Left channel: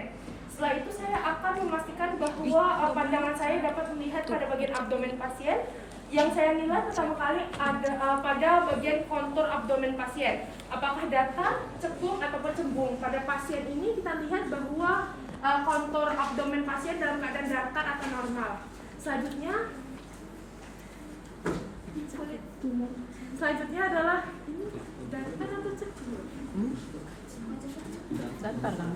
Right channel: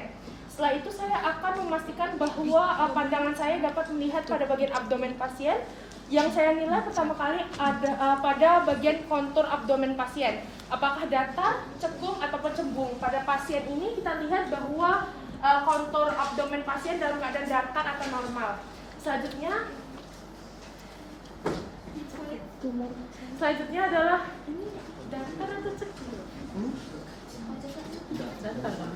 pasien. Setelah itu saya akan memastikan bahwa pandangan saya dapat melihat pada bagian abdomen pasien. Yang saya nilai pertama kali ada pada bagian kontur abdomen pasien. Apakah datar, cekung, ataupun cembung. Pada pasien ini kita lihat bahwa kontur abdomen pasien dalam keadaan datar atau normal. Selanjutnya adalah ini datar atau cekung? Datar kan?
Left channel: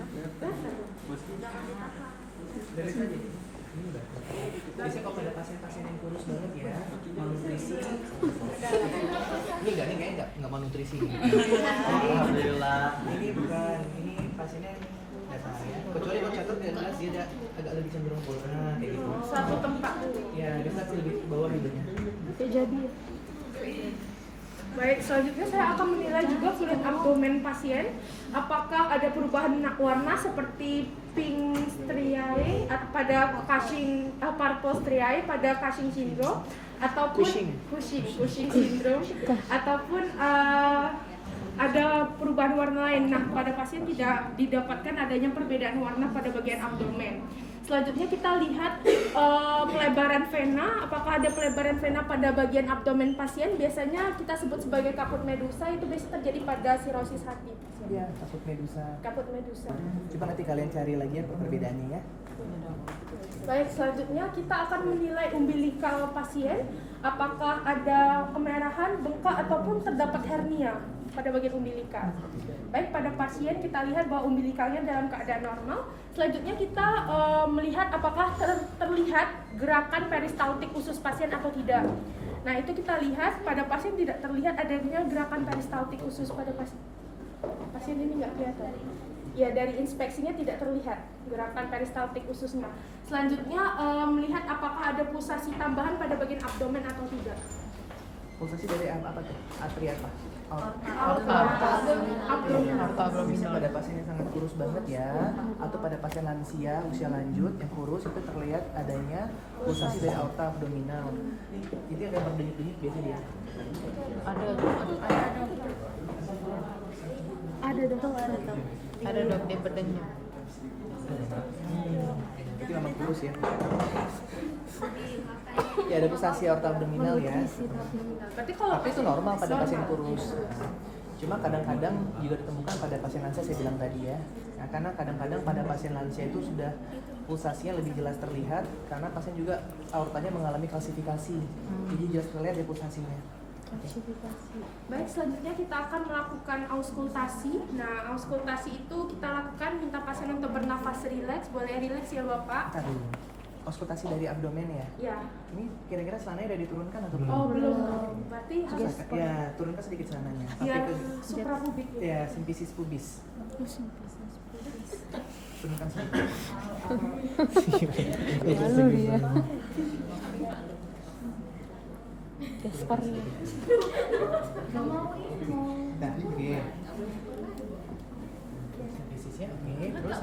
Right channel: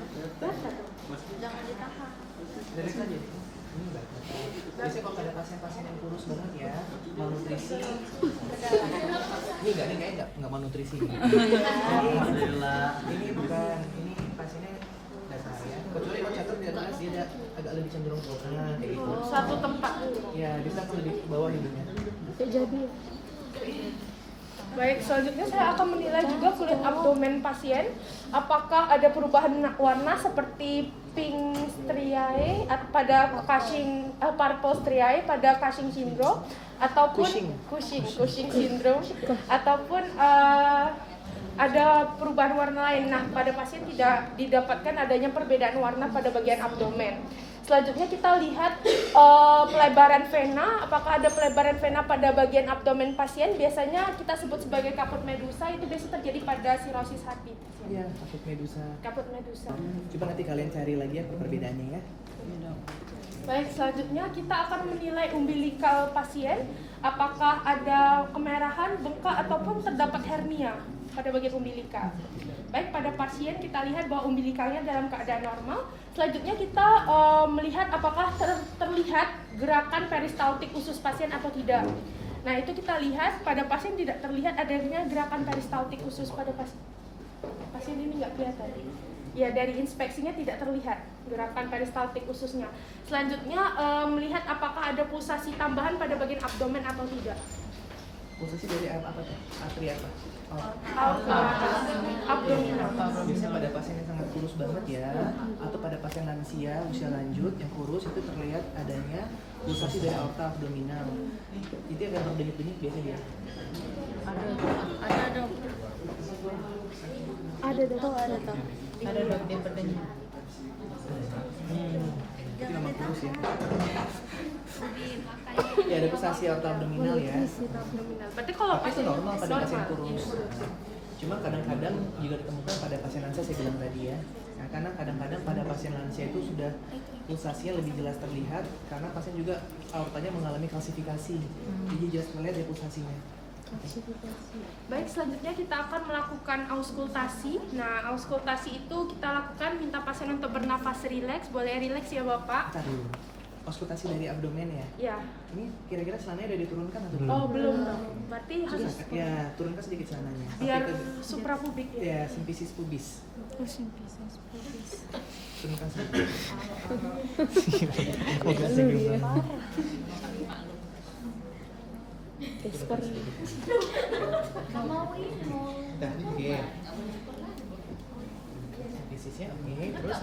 Dari tadi ini datar. Biasanya kalau pada pasien-pasien yang kurus banget ya, malnutrisi. Ini kayaknya nggak malnutrisi. Alhamdulillah. Ini bukan, ini pasiennya datar ya. Kecuali kalau catat dia jelas dia agak lebih cenderung kurus. Nah, kayak gitu. Suatu tempat. Ya, dia akan lebih ke bawah hidungnya. Jadi. Baik, selanjutnya saya akan menilai juga kulit abdomen pasien. Apakah ada perubahan warna seperti pink striae pada Cushing, purple striae pada Cushing syndrome, ataupun Cushing syndrome, ataupun ada perubahan warna lain. Nah, pada pasien tidak didapatkan adanya perbedaan warna pada bagian abdomen. Selanjutnya kita lihat pelebaran vena. Apakah ada pelebaran vena pada bagian abdomen pasien? Biasanya kita sebut sebagai kaput medusa. Itu biasa terjadi pada sirosis hati. Ya, kaput medusa. Kaput medusa. Coba nanti kalian cari lagi ya perbedaannya ya. Baik, selanjutnya kita akan menilai umbilikal pasien. Apakah ada kemerahan, bengkak, ataupun terdapat hernia pada bagian umbilikal. Baik, pada pasien kita lihat bahwa umbilikalnya dalam keadaan normal. Selanjutnya kita melihat apakah terlihat gerakan peristaltik usus pasien atau tidak. Nah, itu kita lihat pada pasien tidak terlihat adanya gerakan peristaltik usus pada pasien. Pasien ini nggak kelihatan. Ya, dari inspeksinya tidak terlihat gerakan peristaltik ususnya. Selanjutnya melihat apakah ada pulsasi tambahan pada bagian abdomen atau tidak. Pulsasi dari apa tuh? Atri apa? Abdominal. Biasanya pada pasien yang sangat kurus banget ya, atau pada pasien lansia usia lanjut yang kurus itu terlihat adanya pulsasi dari aorta abdominal. Jadi akan berdenyut-denyut biasanya dia. Ada dong. Itu memang kurus ya. Ya ada pulsasi aorta abdominal ya. Berarti kalau Tapi itu normal pada pasien kurus. Cuma kadang-kadang juga ditemukan pada pasien lansia saya bilang tadi ya. Nah, karena kadang-kadang pada pasien lansia itu sudah pulsasinya lebih jelas terlihat karena pasien juga aortanya mengalami kalsifikasi. Jadi jelas terlihat ya pulsasinya. Baik, selanjutnya kita akan melakukan auskultasi. Nah, auskultasi itu kita lakukan minta pasien untuk bernafas rileks. Boleh rileks ya Bapak? Tadi auskultasi dari abdomen ya. Ya. Ini kira-kira celananya udah diturunkan atau belum? Oh, belum. Berarti harus Ya, turunkan sedikit celananya. biar Sampai ke suprapubik ya. ya, simpisis pubis. Turunkan sedikit. Nah, oke. Simpisisnya oke, terus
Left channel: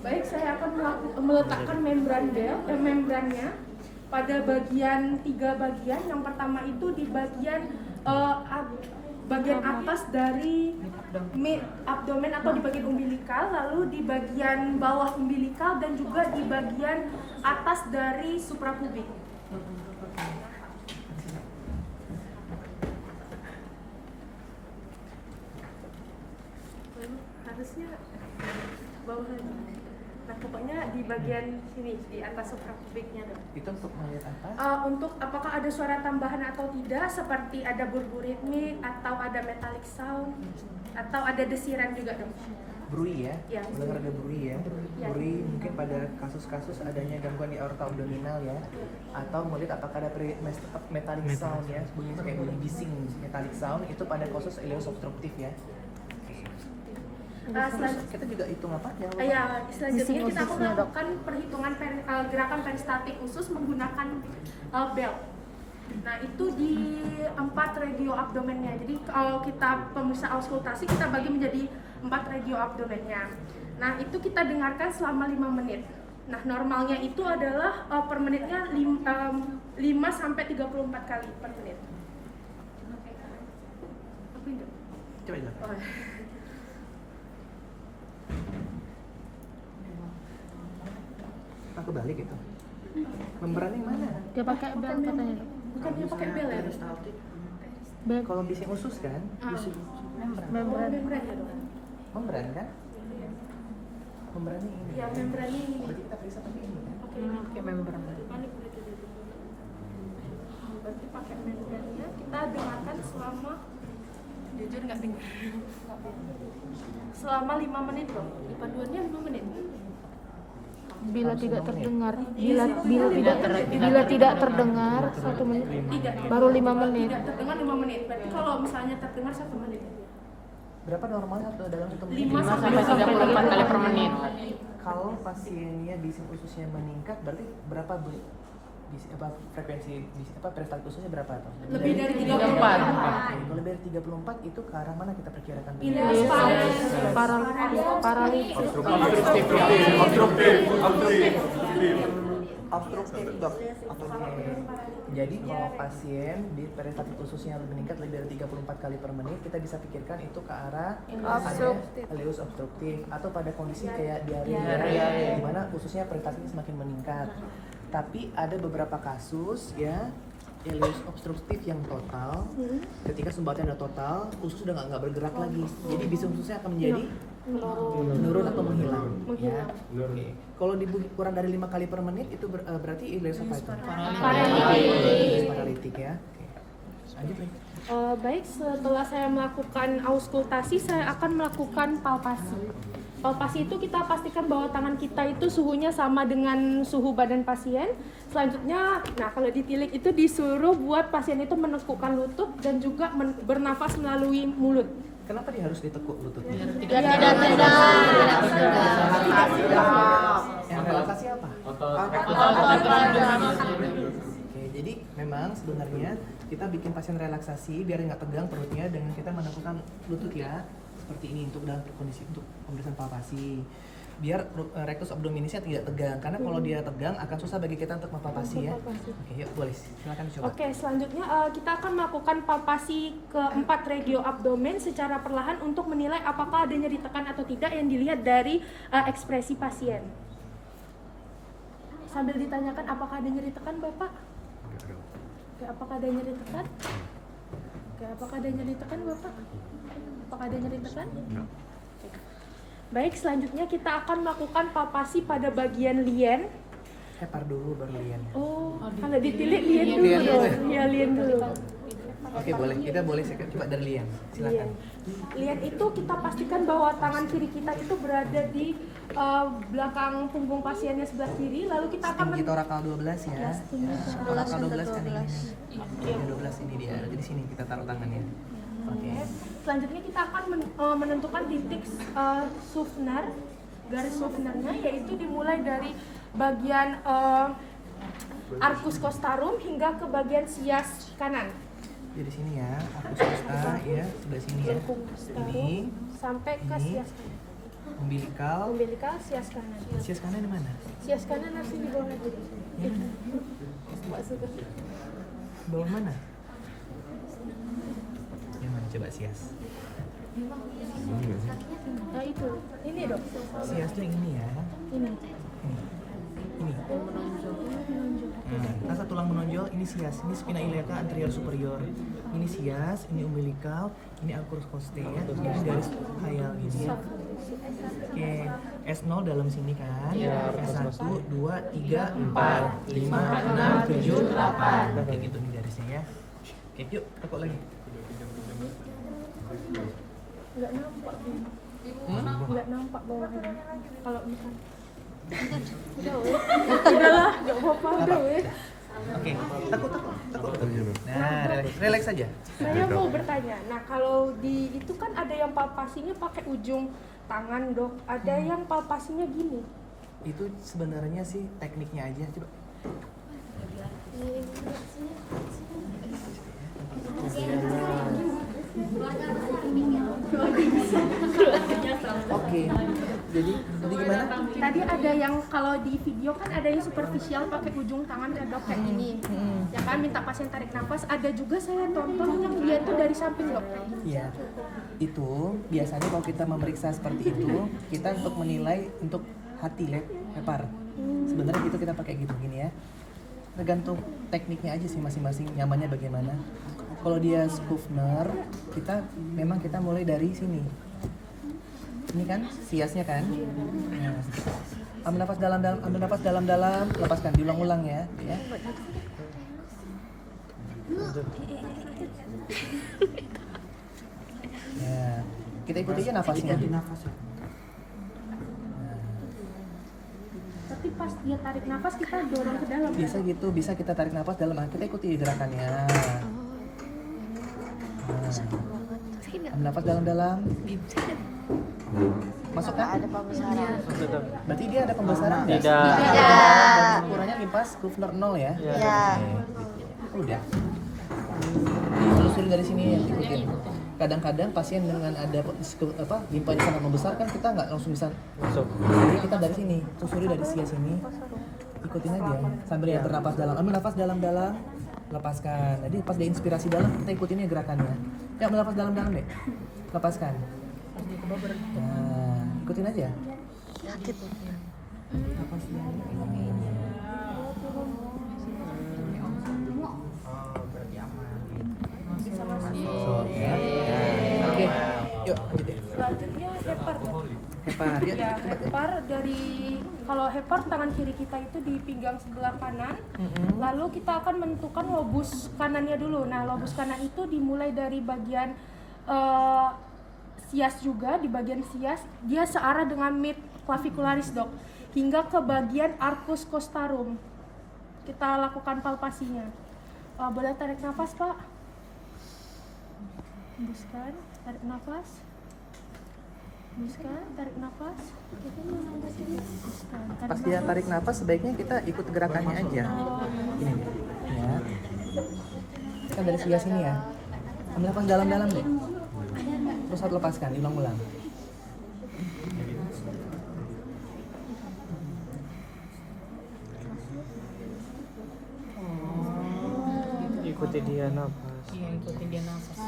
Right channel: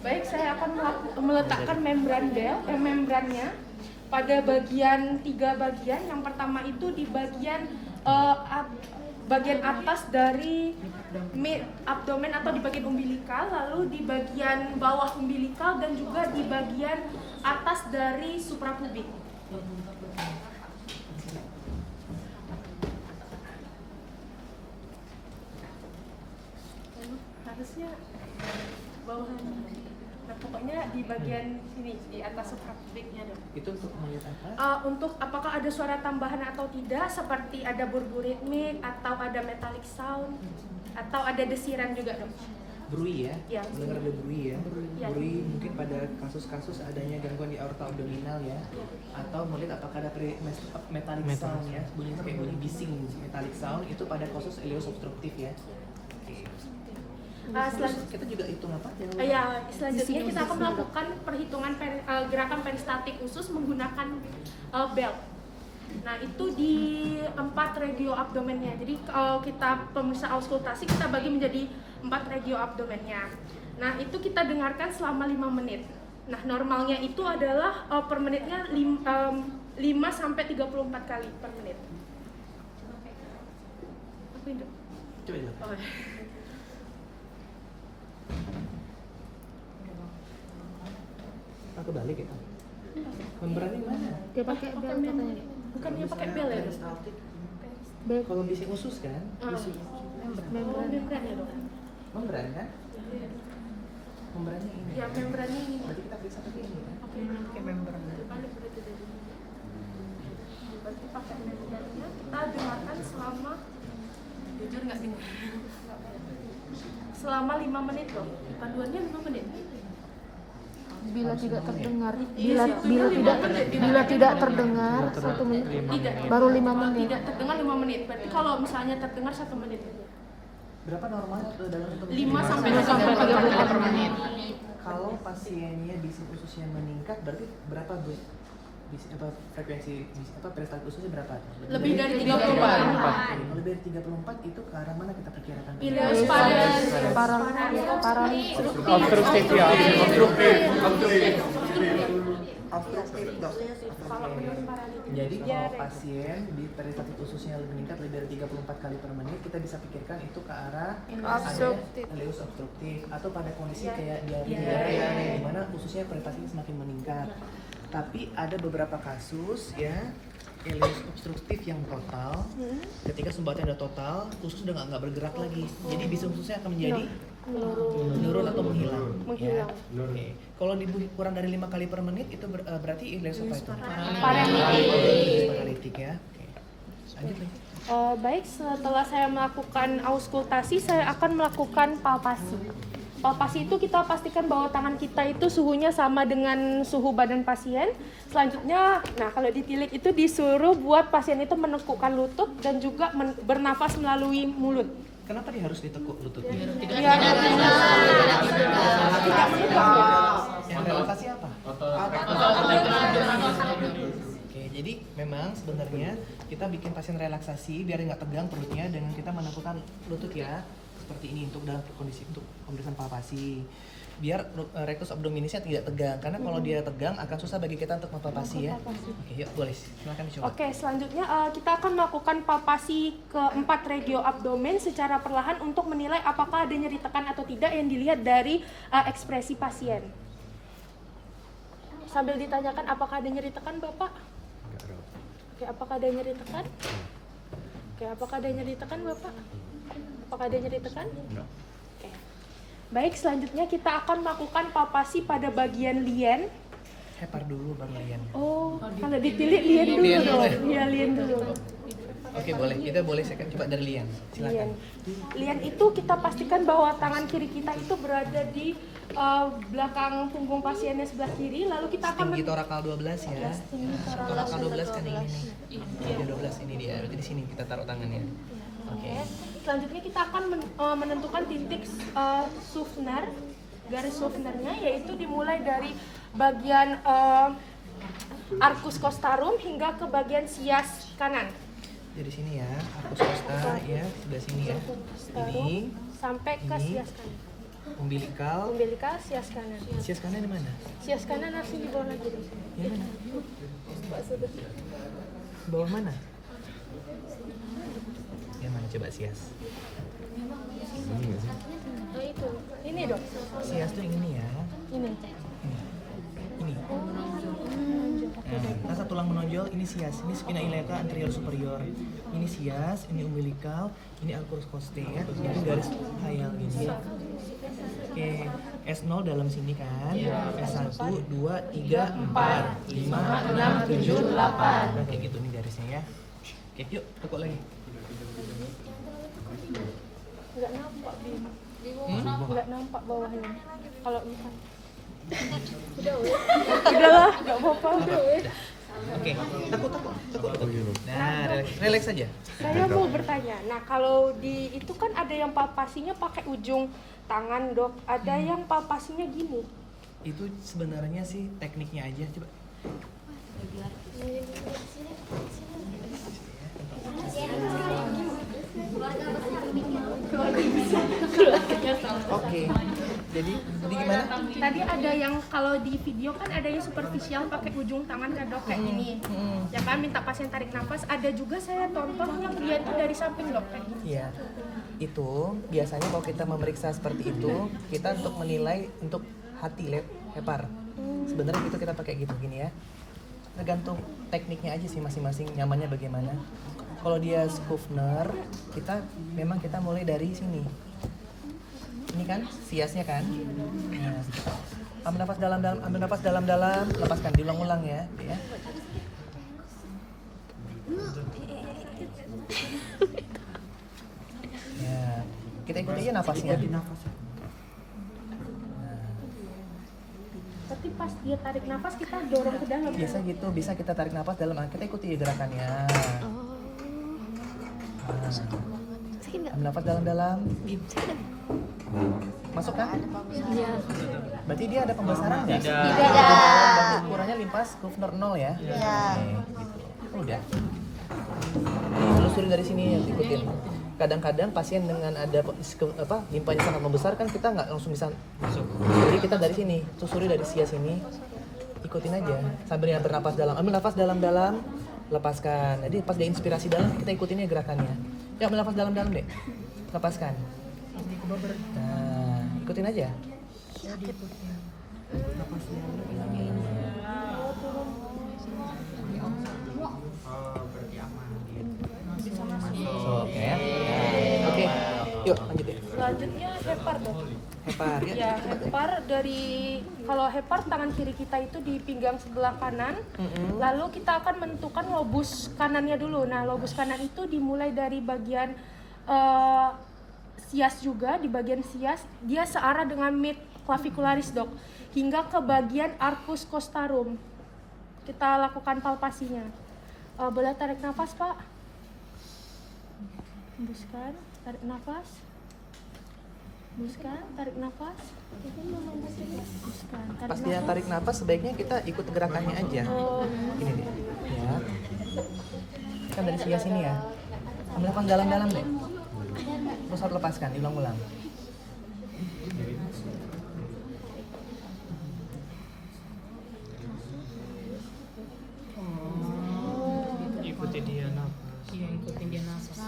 Baik, saya akan meletakkan membrannya pada bagian 3 bagian. Yang pertama itu di bagian bagian atas dari abdomen atau di bagian umbilikal, lalu di bagian bawah umbilikal dan juga di bagian atas dari suprapubik. Harusnya bawahan. Nah, pokoknya di bagian sini, di atas suprapubiknya dong. itu untuk melihat apa? Untuk apakah ada suara tambahan atau tidak, seperti ada burburitmik atau ada metallic sound atau ada desiran juga dong. Brui ya? Ya. Mendengar ada brui ya? Ya. Brui mungkin pada kasus-kasus adanya gangguan di aorta abdominal ya, atau melihat apakah ada metallic sound ya, bunyi kayak bunyi bising metallic sound itu pada kasus ileus obstruktif ya. Terus kita juga hitung apa ya? Ya, selanjutnya kita akan melakukan perhitungan gerakan peristaltik usus menggunakan belt. Nah, itu di 4 regio abdomennya. Jadi kalau kita pemusat auskultasi kita bagi menjadi 4 regio abdomennya. Nah, itu kita dengarkan selama 5 menit. Nah, normalnya itu adalah per menitnya 5 sampai 34 kali per menit. Coba lihat. Aku balik gitu. Membran yang mana? Dia pakai bel nih. Bukan dia pakai bel ya? Kalau bising usus kan? Membran. Membran ya dok? Membran kan? Membrannya ini. Ya membrannya ini. Berarti kita periksa pakai ini kan? Oke, ini balik berarti dari ini. Berarti pakai membrannya kita dengarkan selama jujur nggak dengar. Selama 5 menit dong. Paduannya 5 menit. Bila tidak terdengar, bila tidak terdengar 1 menit, Tidak. baru 5 menit. Tidak terdengar 5 menit. Berarti kalau misalnya terdengar 1 menit. Berapa normal atau dalam 5 sampai 5 sampai 34 menit. Kalau pasiennya bising ususnya meningkat, berarti berapa bu? Frekuensi peristaltik ususnya berapa atau? Lebih dari 34. Kalau lebih dari 34 itu ke arah mana kita perkirakan? Ileus Paralisis. Jadi kalau pasien di peristaltik ususnya meningkat lebih dari 34 kali per menit, kita bisa pikirkan itu ke arah Obstruktif. ileus obstruktif atau pada kondisi kayak diare di mana ususnya peristaltik semakin meningkat. Tapi ada beberapa kasus ya ileus obstruktif yang total. Ketika sumbatan udah total, usus udah nggak bergerak lagi. Jadi bising ususnya akan menjadi menurun atau menghilang. Ya. Oke. Kalau kurang dari 5 kali per menit itu berarti ileus apa itu? Paralitik ya. Oke. Lanjut lagi. Baik, setelah saya melakukan auskultasi, saya akan melakukan palpasi. Palpasi itu kita pastikan bahwa tangan kita itu suhunya sama dengan suhu badan pasien. Selanjutnya, nah kalau ditilik itu disuruh buat pasien itu menekukkan lutut dan juga bernafas melalui mulut. Kenapa dia harus ditekuk lututnya? Yang relaksasi apa? Oke, jadi memang sebenarnya kita bikin pasien relaksasi biar nggak tegang perutnya dengan kita menekukkan lutut ya. Seperti ini untuk dalam kondisi untuk pemeriksaan palpasi. Biar rectus abdominisnya tidak tegang karena kalau dia tegang akan susah bagi kita untuk mempalpasi ya. Oke, yuk boleh silakan dicoba. Oke, selanjutnya kita akan melakukan palpasi keempat regio abdomen secara perlahan untuk menilai apakah ada nyeri tekan atau tidak yang dilihat dari ekspresi pasien. Sambil ditanyakan apakah ada nyeri tekan, Bapak? Oke, apakah ada nyeri tekan? Oke, apakah ada nyeri tekan, Bapak? Apakah ada nyeri tekan? Enggak. Oke. Baik, selanjutnya kita akan melakukan palpasi pada bagian lien. Hepar dulu baru lien. Oh, kalau ditilik lien dulu. Lien dulu ya? Iya, lien dulu. Oke, boleh. Kita boleh coba dari lien. Silakan. Lien itu kita pastikan bahwa tangan kiri kita itu berada di belakang punggung pasiennya sebelah kiri, lalu kita akan Tinggi torakal 12 ya. tinggi Torakal 12 kan ini nih. Tinggi 12 ini dia. Berarti di sini kita taruh tangannya. Oke. Selanjutnya kita akan menentukan titik Suffner, garis Suffnernya, yaitu dimulai dari bagian arcus costarum hingga ke bagian sias kanan. Jadi sini ya, arcus costa ya, sebelah sini ya. Ini Sampai ke ini. sias kanan. umbilikal. Umbilikal, sias kanan. Sias kanan di mana? Sias kanan harus di bawah lagi. Yang mana? Bawah mana? Yang mana coba sias? Nah itu, ini dok. Sias tuh yang ini ya. Ini. Ini. Nah, rasa tulang menonjol ini sias, ini spina iliaca anterior superior. Ini sias, ini umbilikal, ini arcus costae, ini garis khayal gini ya. Oke, S0 dalam sini kan. S1, 2, 3, 4, 5, 6, 7, 8. Nah, kayak gitu nih garisnya ya. Oke, yuk tekuk lagi. Nggak nampak, Bim. Nggak nampak bawahnya. Kalau misalnya. Udahlah, nggak apa-apa. Oke, tekuk. Nah, relax aja. Saya mau bertanya, nah kalau di itu kan ada yang palpasinya pakai ujung tangan dok, ada yang palpasinya gini. Itu sebenarnya sih tekniknya aja, coba. Oke, jadi gimana? Tadi ada yang kalau di video kan ada yang superficial pakai ujung tangan ya dok kayak gini, ya kan minta pasien tarik nafas. Ada juga saya tonton yang dia itu dari samping dok. Iya, itu biasanya kalau kita memeriksa seperti itu, kita untuk menilai untuk hati hepar. Sebenarnya gitu kita pakai gitu gini ya. Tergantung tekniknya aja sih masing-masing nyamannya bagaimana. Kalau dia Skufner, kita mulai dari sini. Ini kan siasnya kan. Nah, ambil nafas dalam-dalam, lepaskan, diulang-ulang ya. Ya, kita ikuti aja nafasnya. Tapi pas dia tarik nafas kita dorong ke dalam. Bisa gitu, bisa kita tarik nafas dalam, kita ikuti gerakannya. Ambil nafas dalam-dalam. Masukkan. Ada pembesaran. Berarti dia ada pembesaran nggak? Tidak. Ukurannya limpas Skufner 0 ya? Iya. Oke, gitu. Udah. Telusuri dari sini ya, ikutin. Kadang-kadang pasien dengan ada limpanya sangat membesar kan kita nggak langsung bisa masuk. Jadi kita dari sini, susuri dari sini, ikutin aja sambil yang bernapas dalam. Ambil nafas dalam-dalam, lepaskan. Jadi pas dia inspirasi dalam kita ikutinnya gerakannya. Ya, ambil nafas dalam-dalam deh, lepaskan. Nah, ikutin aja. Sakit. Oke, yuk lanjut ya. Selanjutnya hepar dok. Hepar ya. Ya, hepar dari kalau hepar tangan kiri kita itu di pinggang sebelah kanan. Lalu kita akan menentukan lobus kanannya dulu. Nah, lobus kanan itu dimulai dari bagian sias juga, di bagian sias dia searah dengan mid clavicularis dok, hingga ke bagian arcus costarum. Kita lakukan palpasinya. Boleh tarik nafas pak? Hembuskan, tarik nafas. Hembuskan, tarik nafas. Hembuskan, tarik Pas dia nafas. tarik nafas sebaiknya kita ikut gerakannya aja. Ini nih, ya. Kan dari sebelah sini ya. Ambil nafas dalam-dalam deh. Terus harus lepaskan, diulang-ulang. Ikuti dia nafas. Iya, ikutin dia nafas.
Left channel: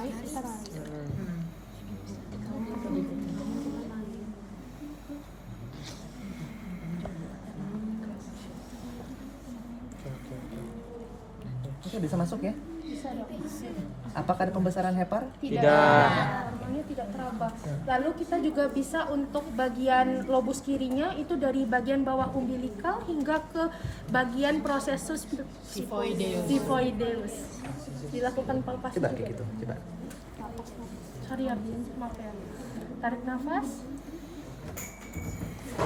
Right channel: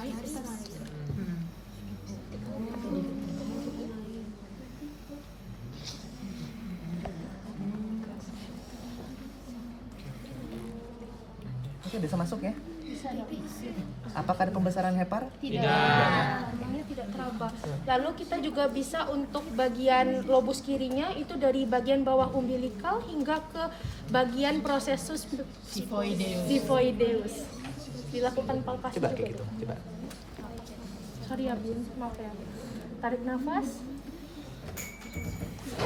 Oke, bisa masuk ya. Bisa dok. Apakah ada pembesaran hepar? Ini tidak teraba. Lalu kita juga bisa untuk bagian lobus kirinya itu dari bagian bawah umbilikal hingga ke bagian prosesus xiphoideus. Dilakukan palpasi Coba juga. kayak gitu, coba. Sorry ya Bin, maaf ya. Tarik nafas.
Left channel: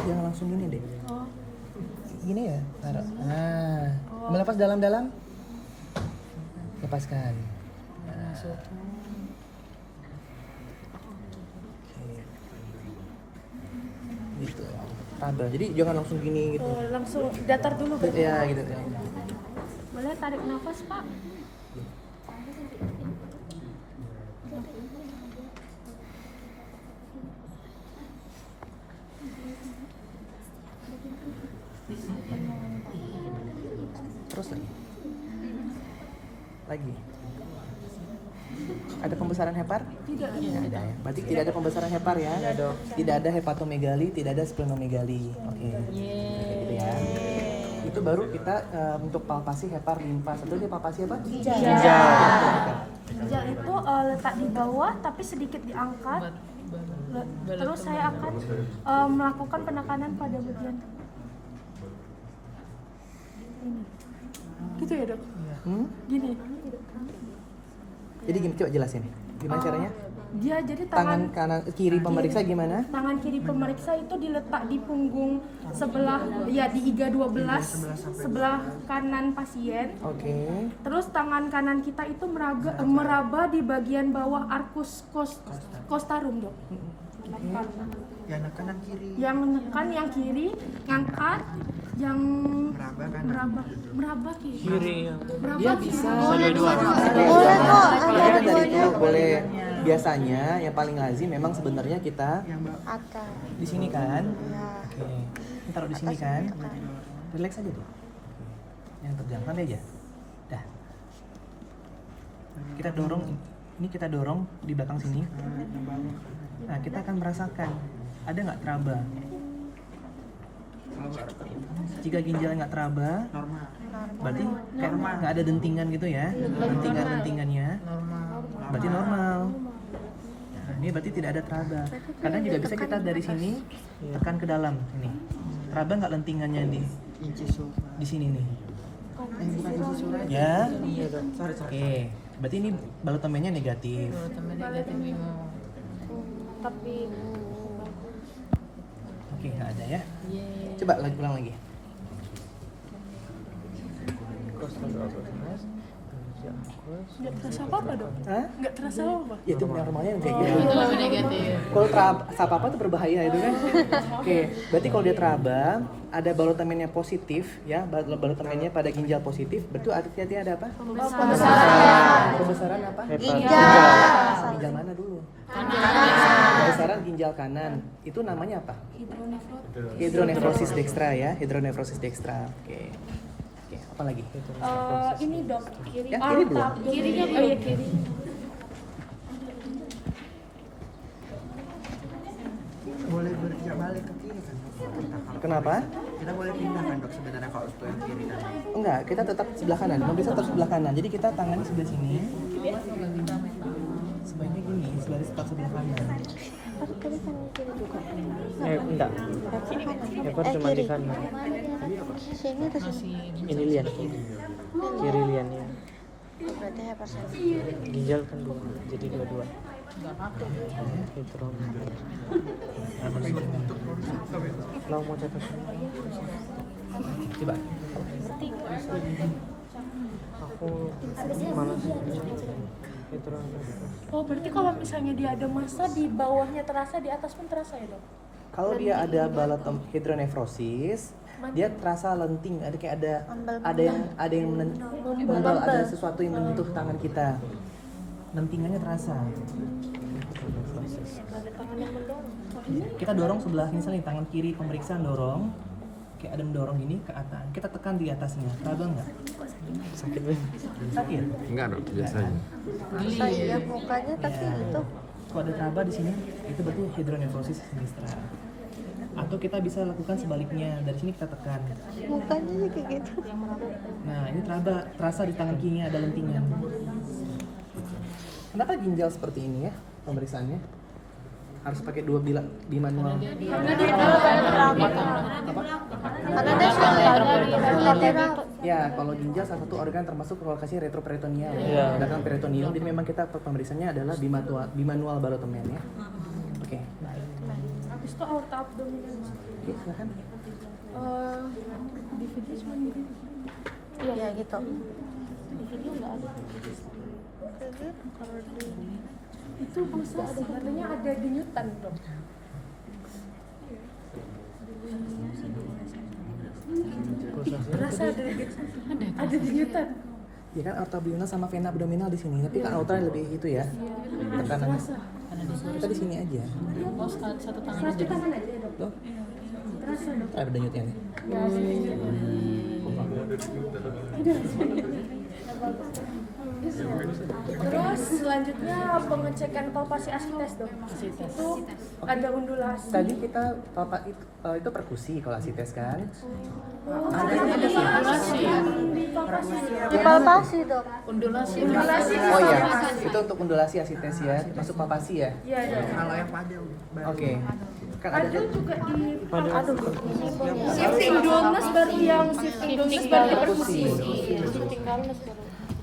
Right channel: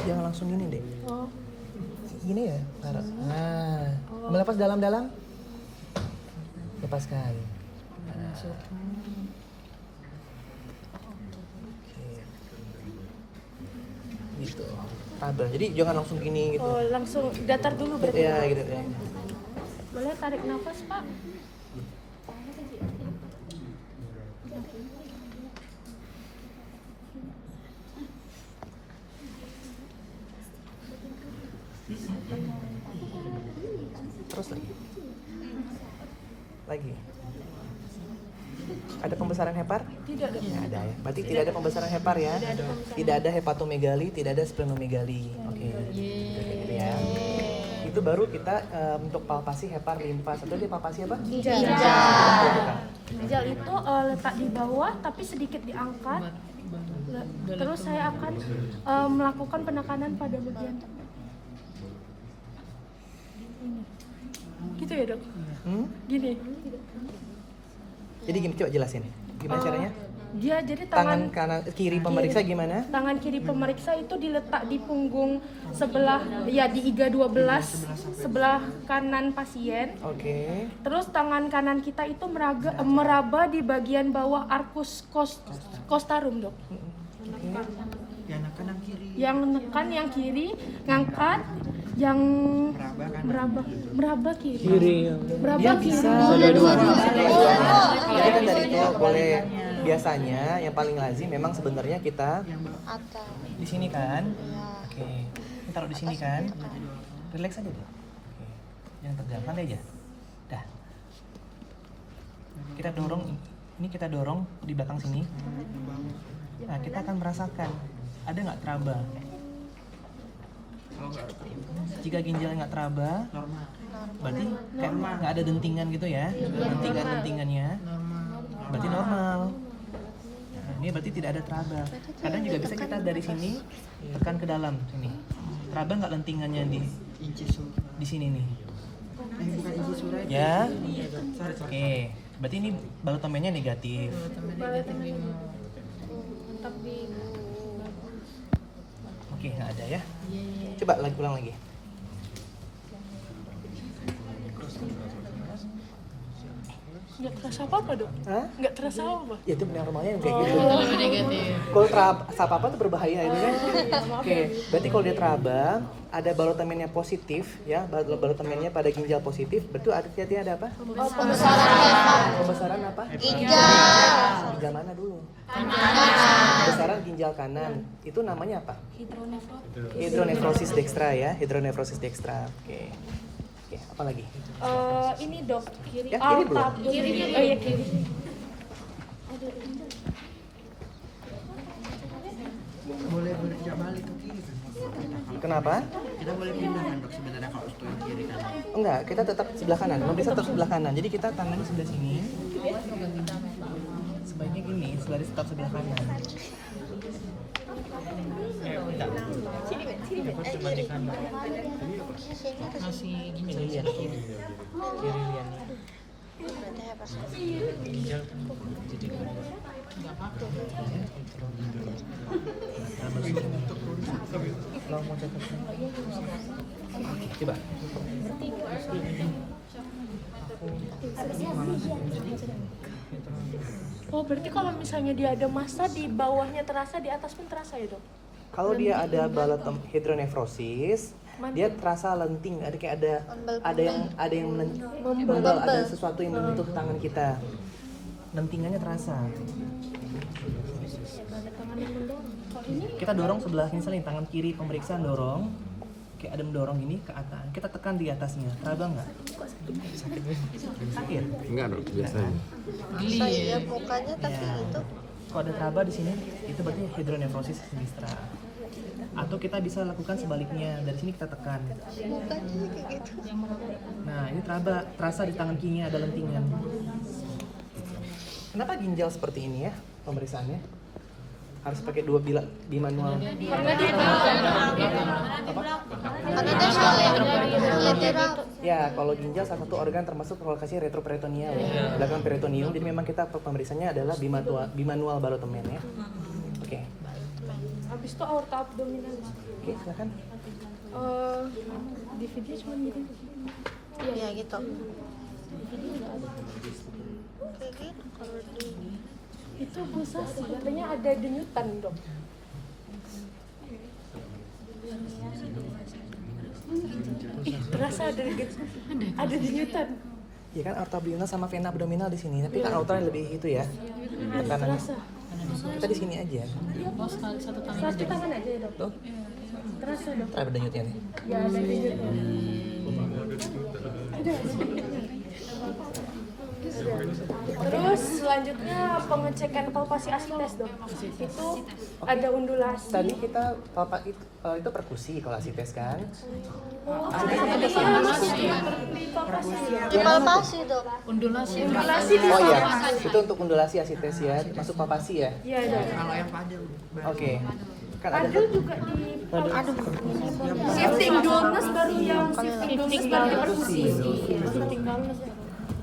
Jangan langsung gini deh. Oh, Gini ya, taruh. Nah, ambil nafas dalam-dalam. Lepaskan. Nah. Oke. Gitu. Tabel. Jadi jangan langsung gini gitu. oh langsung datar dulu berarti. Ya, gitu ya. Boleh tarik nafas Pak? Terus lagi. Ada pembesaran hepar? Tidak ada. Tidak ya. Berarti tidak ada pembesaran hepar ya? Tidak ada hepatomegali, tidak ada splenomegali. Oke. Gitu ya. Itu baru kita untuk palpasi hepar limfas. Itu dia palpasi apa? Ginjal. Ginjal itu letak di bawah tapi sedikit diangkat. Terus saya akan melakukan penekanan pada bagian ini. Gitu ya dok? Gini. Jadi gini, coba jelasin. Gimana caranya? Dia jadi Tangan kanan kiri pemeriksa gimana? Tangan kiri pemeriksa itu diletak di punggung sebelah, ya di iga 12 sebelah kanan pasien. Oke. Terus tangan kanan kita itu meraba di bagian bawah arcus costarum dok. Yang kanan kiri. Yang menekan yang kiri, ngangkat, yang meraba kiri. Meraba kiri. Boleh dua-dua. Boleh kok. Ada dua-dua. Boleh. Biasanya yang paling lazim memang sebenarnya kita Atas. di sini kan. Ya. Oke. Ini taruh di sini kan. Relax aja deh. Yang tegang, santai aja. Dah. Kita dorong, ini kita dorong di belakang sini. Nah, kita akan merasakan ada nggak teraba. Jika ginjalnya nggak teraba, Normal. berarti kayak nggak ada dentingan gitu ya, dentingannya, berarti normal. Nah, ini berarti tidak ada teraba. Kadang juga bisa kita dari sini tekan ke dalam sini. Teraba nggak lentingannya di sini nih? Bukan isi surat. Ya. Sorry. Oke, berarti ini balotomennya negatif. Tapi Oke, nggak ada ya. Coba ulang lagi. nggak terasa apa-apa dong? Hah? Nggak terasa apa? Ya itu normalnya yang kayak gitu. Kalau terasa apa itu berbahaya ini kan. Oke, berarti kalau dia teraba, ada balotomennya positif ya, balotomennya pada ginjal positif, berarti artinya ada apa? Pembesaran leher. Pembesaran apa? Ginjal. Ginjal mana dulu? Pembesaran ginjal kanan. Itu namanya apa? Hidronefrosis dextra ya, hidronefrosis dextra. Oke. Oke, apa lagi? Ini dok, kiri. Ya, kiri dulu. Kirinya oh iya kiri. Boleh tidak balik ke kiri kan? Kenapa? Kita boleh pindah kan dok sebenarnya kalau untuk yang kiri kan? Enggak, kita tetap sebelah kanan. Pemirsa tetap sebelah kanan. Jadi kita tangannya sebelah sini. Sebaiknya gini, tetap sebelah kanan. Enggak. Kiri. Sini atau sini? Ini lian. Kiri lian. Berarti hypersensitif. Ginjal kan jadi dua-dua. Coba. Oh berarti kalau misalnya dia ada massa di bawahnya terasa, di atas pun terasa ya dok? Kalau dia ada balotom hidronefrosis, dia terasa lenting, ada kayak ada yang membel, ada sesuatu yang menyentuh tangan kita. Lentingannya terasa. Kita dorong sebelah misalnya tangan kiri pemeriksaan dorong, kayak ada mendorong gini ke atas. Kita tekan di atasnya, teraba nggak? Sakit? Enggak dong, biasanya. Masa iya mukanya tapi Ya. itu Kalau ada teraba di sini, itu berarti hidronefrosis sinistra. Atau kita bisa lakukan sebaliknya, dari sini kita tekan. mukanya kayak gitu. Nah, ini terasa di tangan kirinya ada lentingan. Kenapa ginjal seperti ini ya pemeriksaannya? Harus pakai dua bilah di manual. Karena dia bilateral. Ya, kalau ginjal salah satu organ termasuk lokasi retroperitoneal, belakang peritoneum. Jadi memang kita pemeriksaannya adalah bimanual balotomen ya. Oke. Habis itu aorta abdominal. Oke, silakan. DVD cuma gitu. Iya gitu. Kayak gitu kalau di Itu pulsasi, katanya ada denyutan dok. Terasa ada denyutan. Ya kan aorta abdominal sama vena abdominal di sini, tapi kan aorta lebih itu ya. Tekanannya. Terasa. Kita di sini aja. Satu tangan aja dok. Tuh, Terasa dok. ada denyutnya nih. Ya, Terus selanjutnya pengecekan palpasi asites dok. Itu ada undulasi. Tadi kita itu perkusi kalau asites kan. Ada palpasi ya. palpasi dok. Undulasi. Oh iya, itu untuk undulasi asites ya, masuk palpasi ya. Iya dok. Kalau yang pada Oke. Kan ada Padu juga di shifting dullness baru yang shifting dullness baru di perkusi. Shifting dullness.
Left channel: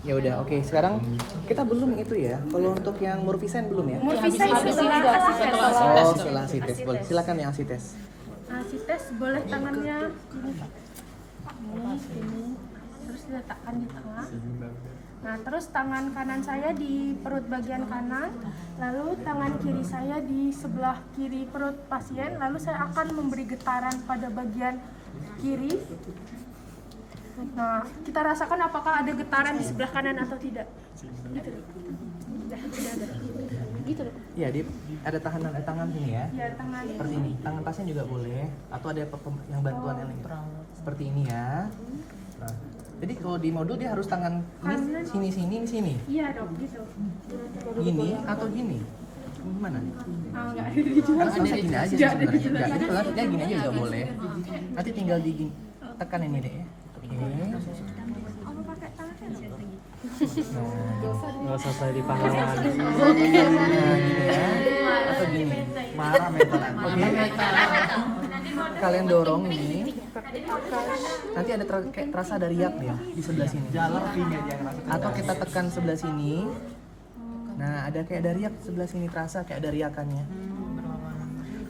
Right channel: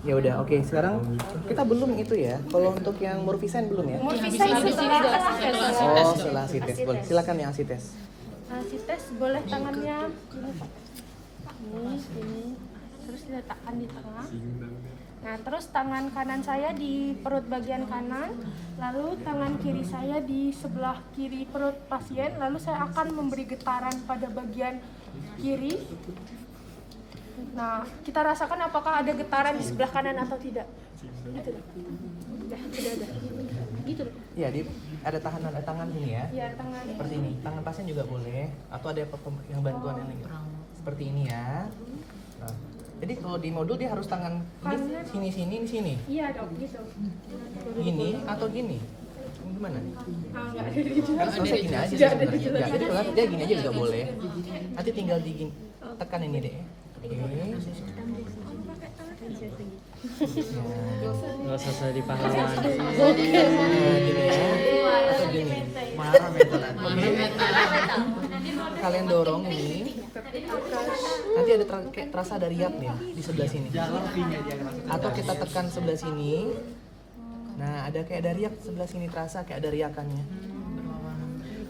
Ya udah, oke. Sekarang kita belum itu ya. Kalau untuk yang Murfisen belum ya? Murfisen setelah asites. Oh, setelah asites boleh. Silakan yang asites. Asites boleh tangannya ini, terus diletakkan di tengah. Nah, terus tangan kanan saya di perut bagian kanan, lalu tangan kiri saya di sebelah kiri perut pasien, lalu saya akan memberi getaran pada bagian kiri. Nah, kita rasakan apakah ada getaran di sebelah kanan atau tidak. Gitu. Udah. Gitu. Iya, ada tangan sini ya. Ya, tangan. Seperti ini. Tangan pasien juga boleh atau ada yang bantuan yang lain. Seperti ini ya. Nah, jadi kalau di modul dia harus tangan ini sini. Iya, dok, gitu. Gini atau gini? Gimana nih? Enggak Karena bisa gini aja sebenarnya. Enggak, jadi kalau dia gini aja juga boleh. Nanti tinggal di gini. tekan ini deh. Oke. Nah, Nggak selesai di pahlawan. nah, gini ya. Atau gini. Marah mentalan. Oke. Kalian dorong ini. Nanti ada kayak terasa ada riak nih ya, di sebelah sini. Jalan pinya dia ngerasa. Atau kita tekan sebelah sini. Nah, ada kayak ada riak sebelah sini, terasa kayak ada riakannya.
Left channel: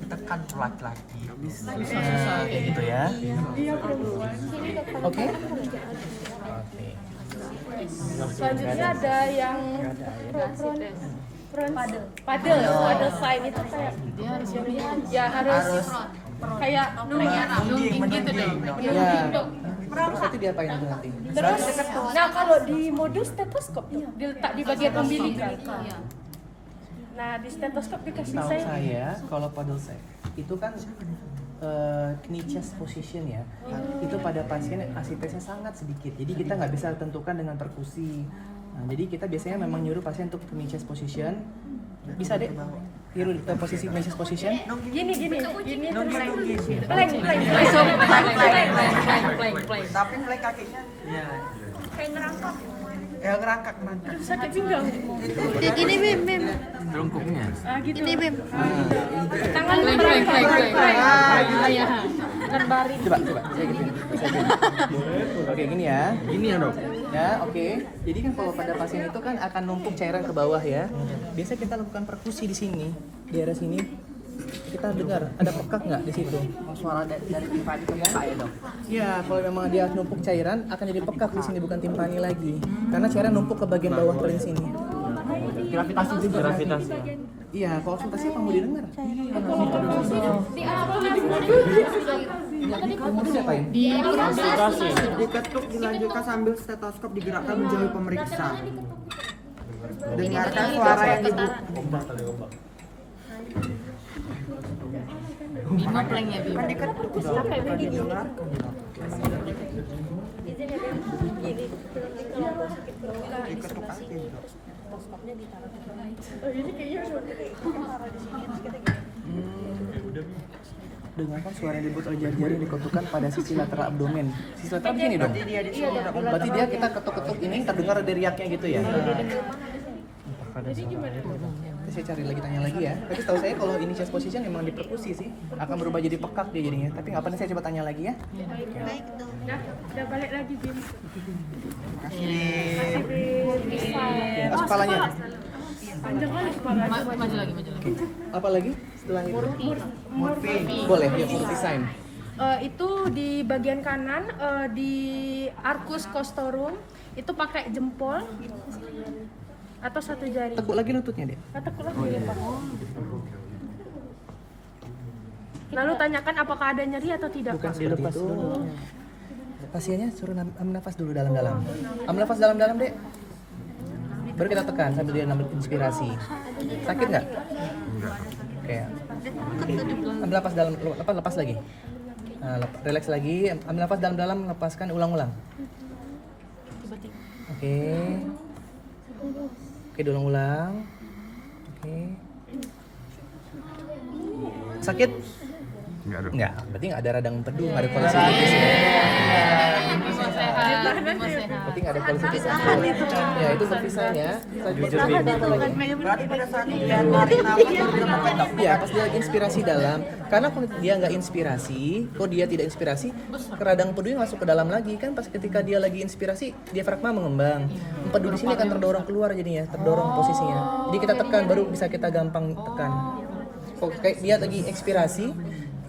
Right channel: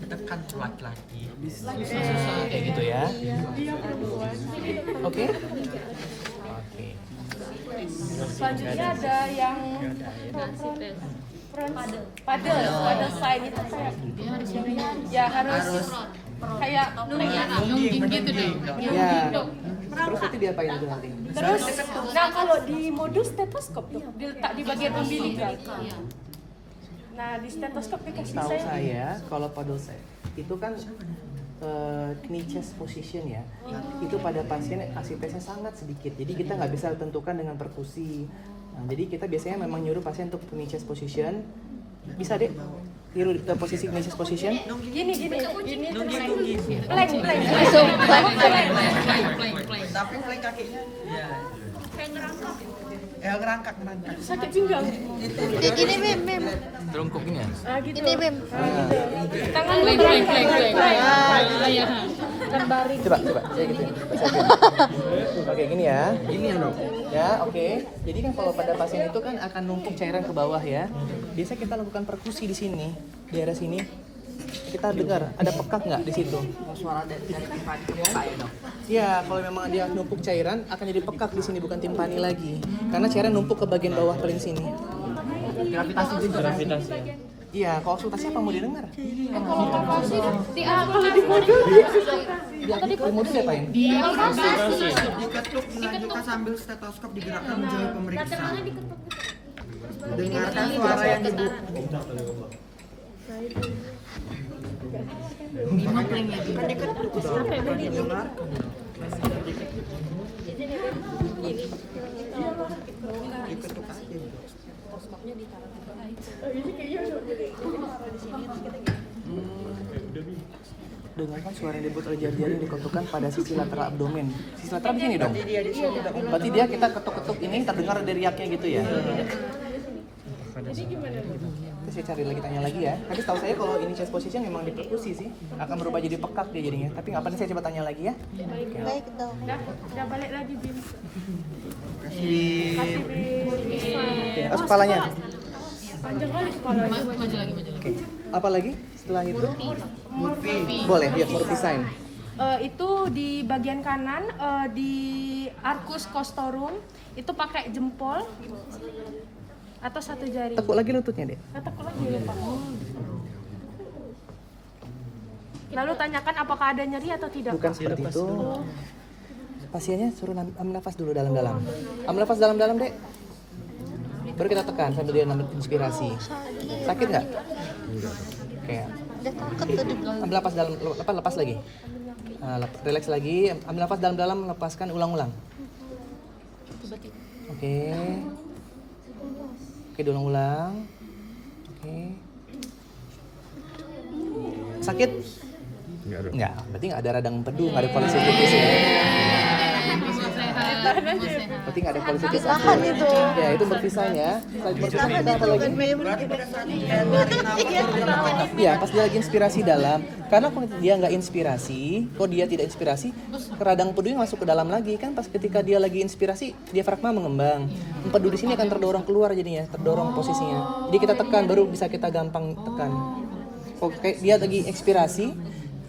Tekan laki-laki. Nah, kayak gitu ya. Oke? Oke. Selanjutnya ada yang padel sign itu kayak ya harus kayak Nungging gitu deh. Ya. Terus nanti diapain itu nanti? terus. Nah kalau di modus stetoskop diletak di bagian umbilical. Nah di stetoskop dikasih Tahu saya. saya kalau paddle set itu kan knee chest position ya. Itu pada pasien ACP-nya sangat sedikit. Jadi kita nggak bisa tentukan dengan perkusi. Nah, jadi kita biasanya memang nyuruh pasien untuk knee chest position. Bisa deh. Nyuruh posisi knee chest position. Gini Nungging. plank. Tapi mulai kakinya. Iya. Kayak ngerangkap. Ngerangkak. Sakit pinggang. Jadi gini Bim. Terungkupnya. Gitu. Ini Bim. Tangan Coba. Kayak gini. Kayak gini ya. Gini ya dok. Ya, oke. Jadi kan kalau pada pasien itu kan akan numpuk cairan ke bawah ya. Biasa kita lakukan perkusi di sini, di area sini. Kita dengar ada pekak nggak di situ? Suara dari timpani ke muka ya dok. Ya, kalau memang dia numpuk cairan akan jadi pekak di sini bukan timpani lagi. Karena cairan numpuk ke bagian bawah paling sini. Gravitasi juga. Gravitasi. Iya, konsultasi apa mau didengar? Di modus diapain? Diketuk dilanjutkan sambil stetoskop digerakkan menjauhi pemeriksa. Dengarkan suara yang dibuka. Makanya kan diketuk dong. Bukan didengarkan dong. Diketuk aja dong. Dengarkan suara yang dibuat oleh jari-jari yang diketukkan pada sisi lateral abdomen. Sisi lateral di sini dong. Dia di sini dok. Berarti dia kita ketuk-ketuk ini terdengar ada riaknya gitu ya. Jadi gimana? Saya cari lagi tanya lagi ya. Tapi setahu saya kalau ini chest position memang diperkusi sih, akan berubah jadi pekak dia jadinya. Tapi nggak apa-apa, saya coba tanya lagi ya. Baik dok. Udah balik lagi Bim. Kasih. Bim. Pas kepalanya. Panjang lagi kepalanya. Oke. Apa lagi setelah itu? Murphy. Boleh, ya seperti sign. Itu di bagian kanan di arcus costorum itu pakai jempol atau satu jari. Tekuk lagi lututnya deh. Tekuk lagi ya Pak. Lalu tanyakan apakah ada nyeri atau tidak. Bukan seperti itu. Pasiennya suruh ambil nafas dulu dalam-dalam. Ambil nafas dalam-dalam dek. Baru kita tekan sambil dia ambil inspirasi. Sakit nggak? Kayak. Udah takut tadi. Ambil nafas dalam, lepas lagi. Nah, relax lagi, ambil nafas dalam-dalam, lepaskan ulang-ulang. Oke. Oke, diulang-ulang. Oke. Sakit? Enggak, berarti nggak ada radang empedu, nggak ada koleksi tipis ya. Berarti nggak ada koleksi tipis. Tahan itu. Ya, itu berpisah ya. Tahan itu kan Bim. Berarti pada saat dia narik nafas baru dapat dok. Ya, pas dia lagi inspirasi dalam. Karena kalau dia nggak inspirasi, kalau dia tidak inspirasi, radang empedunya masuk ke dalam lagi kan. Pas ketika dia lagi inspirasi, diafragma mengembang. Empedu di sini akan terdorong keluar jadinya, terdorong posisinya. Jadi kita tekan, baru bisa kita gampang tekan. Kalau kayak dia lagi ekspirasi,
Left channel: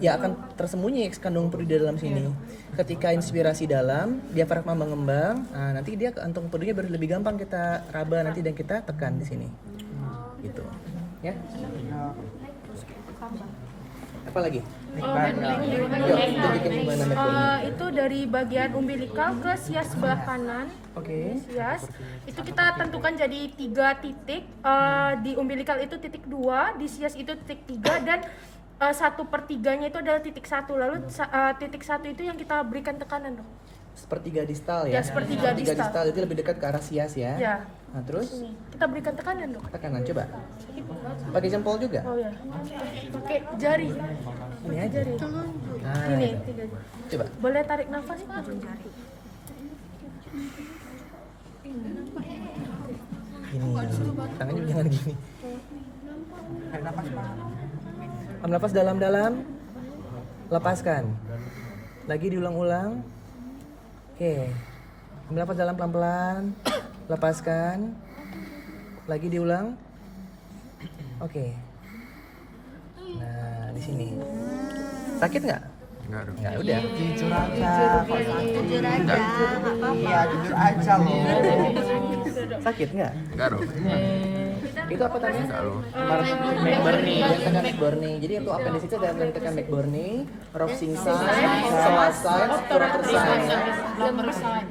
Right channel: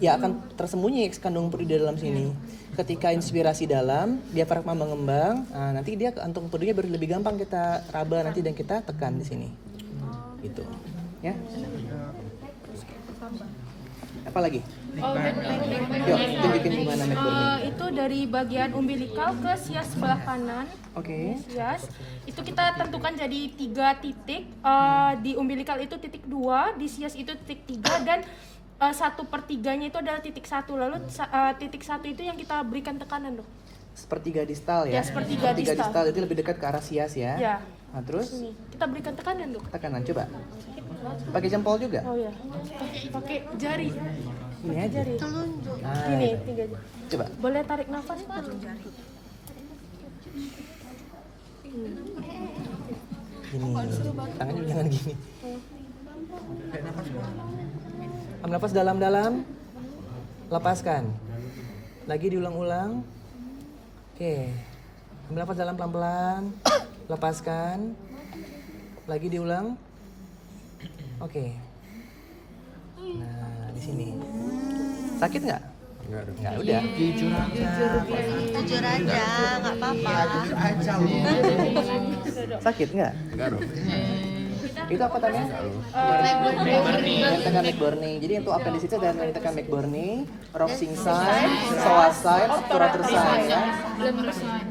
ya akan tersembunyi kandung empedu di dalam sini. Ketika inspirasi dalam, diafragma mengembang, nah, nanti dia kantung empedunya baru lebih gampang kita raba nanti dan kita tekan di sini. Gitu. Ya. Apa lagi? Tunjukin gimana metodenya. Itu dari bagian umbilikal ke sias sebelah kanan. Oke. Sias itu kita tentukan jadi 3 titik. Di umbilikal itu titik 2, di sias itu titik 3 dan 1/3-nya itu adalah titik 1. Lalu titik 1 itu yang kita berikan tekanan dong. Sepertiga distal ya. Ya, sepertiga distal. Itu lebih dekat ke arah sias ya. Ya. Nah, terus Sini. Kita berikan tekanan dong. tekanan coba. Pakai jempol juga. Oh ya. Pakai jari. Ini aja. Jari. Telunjuk. Ini aja. Coba. Boleh tarik nafas Pak? Gini. Tangannya jangan gini. Ambil nafas dalam-dalam. Lepaskan. Lagi diulang-ulang. Oke. Ambil nafas dalam pelan-pelan. Lepaskan. Lagi diulang. Oke. Nah, di sini. Sakit nggak? Nggak, udah. Jujur aja. Jujur aja, nggak apa-apa. Iya, jujur aja loh. Sakit nggak? Enggak dong. Itu apa tadi? McBurney. Jadi itu apa di situ tekan McBurney, Roxing sign, sign,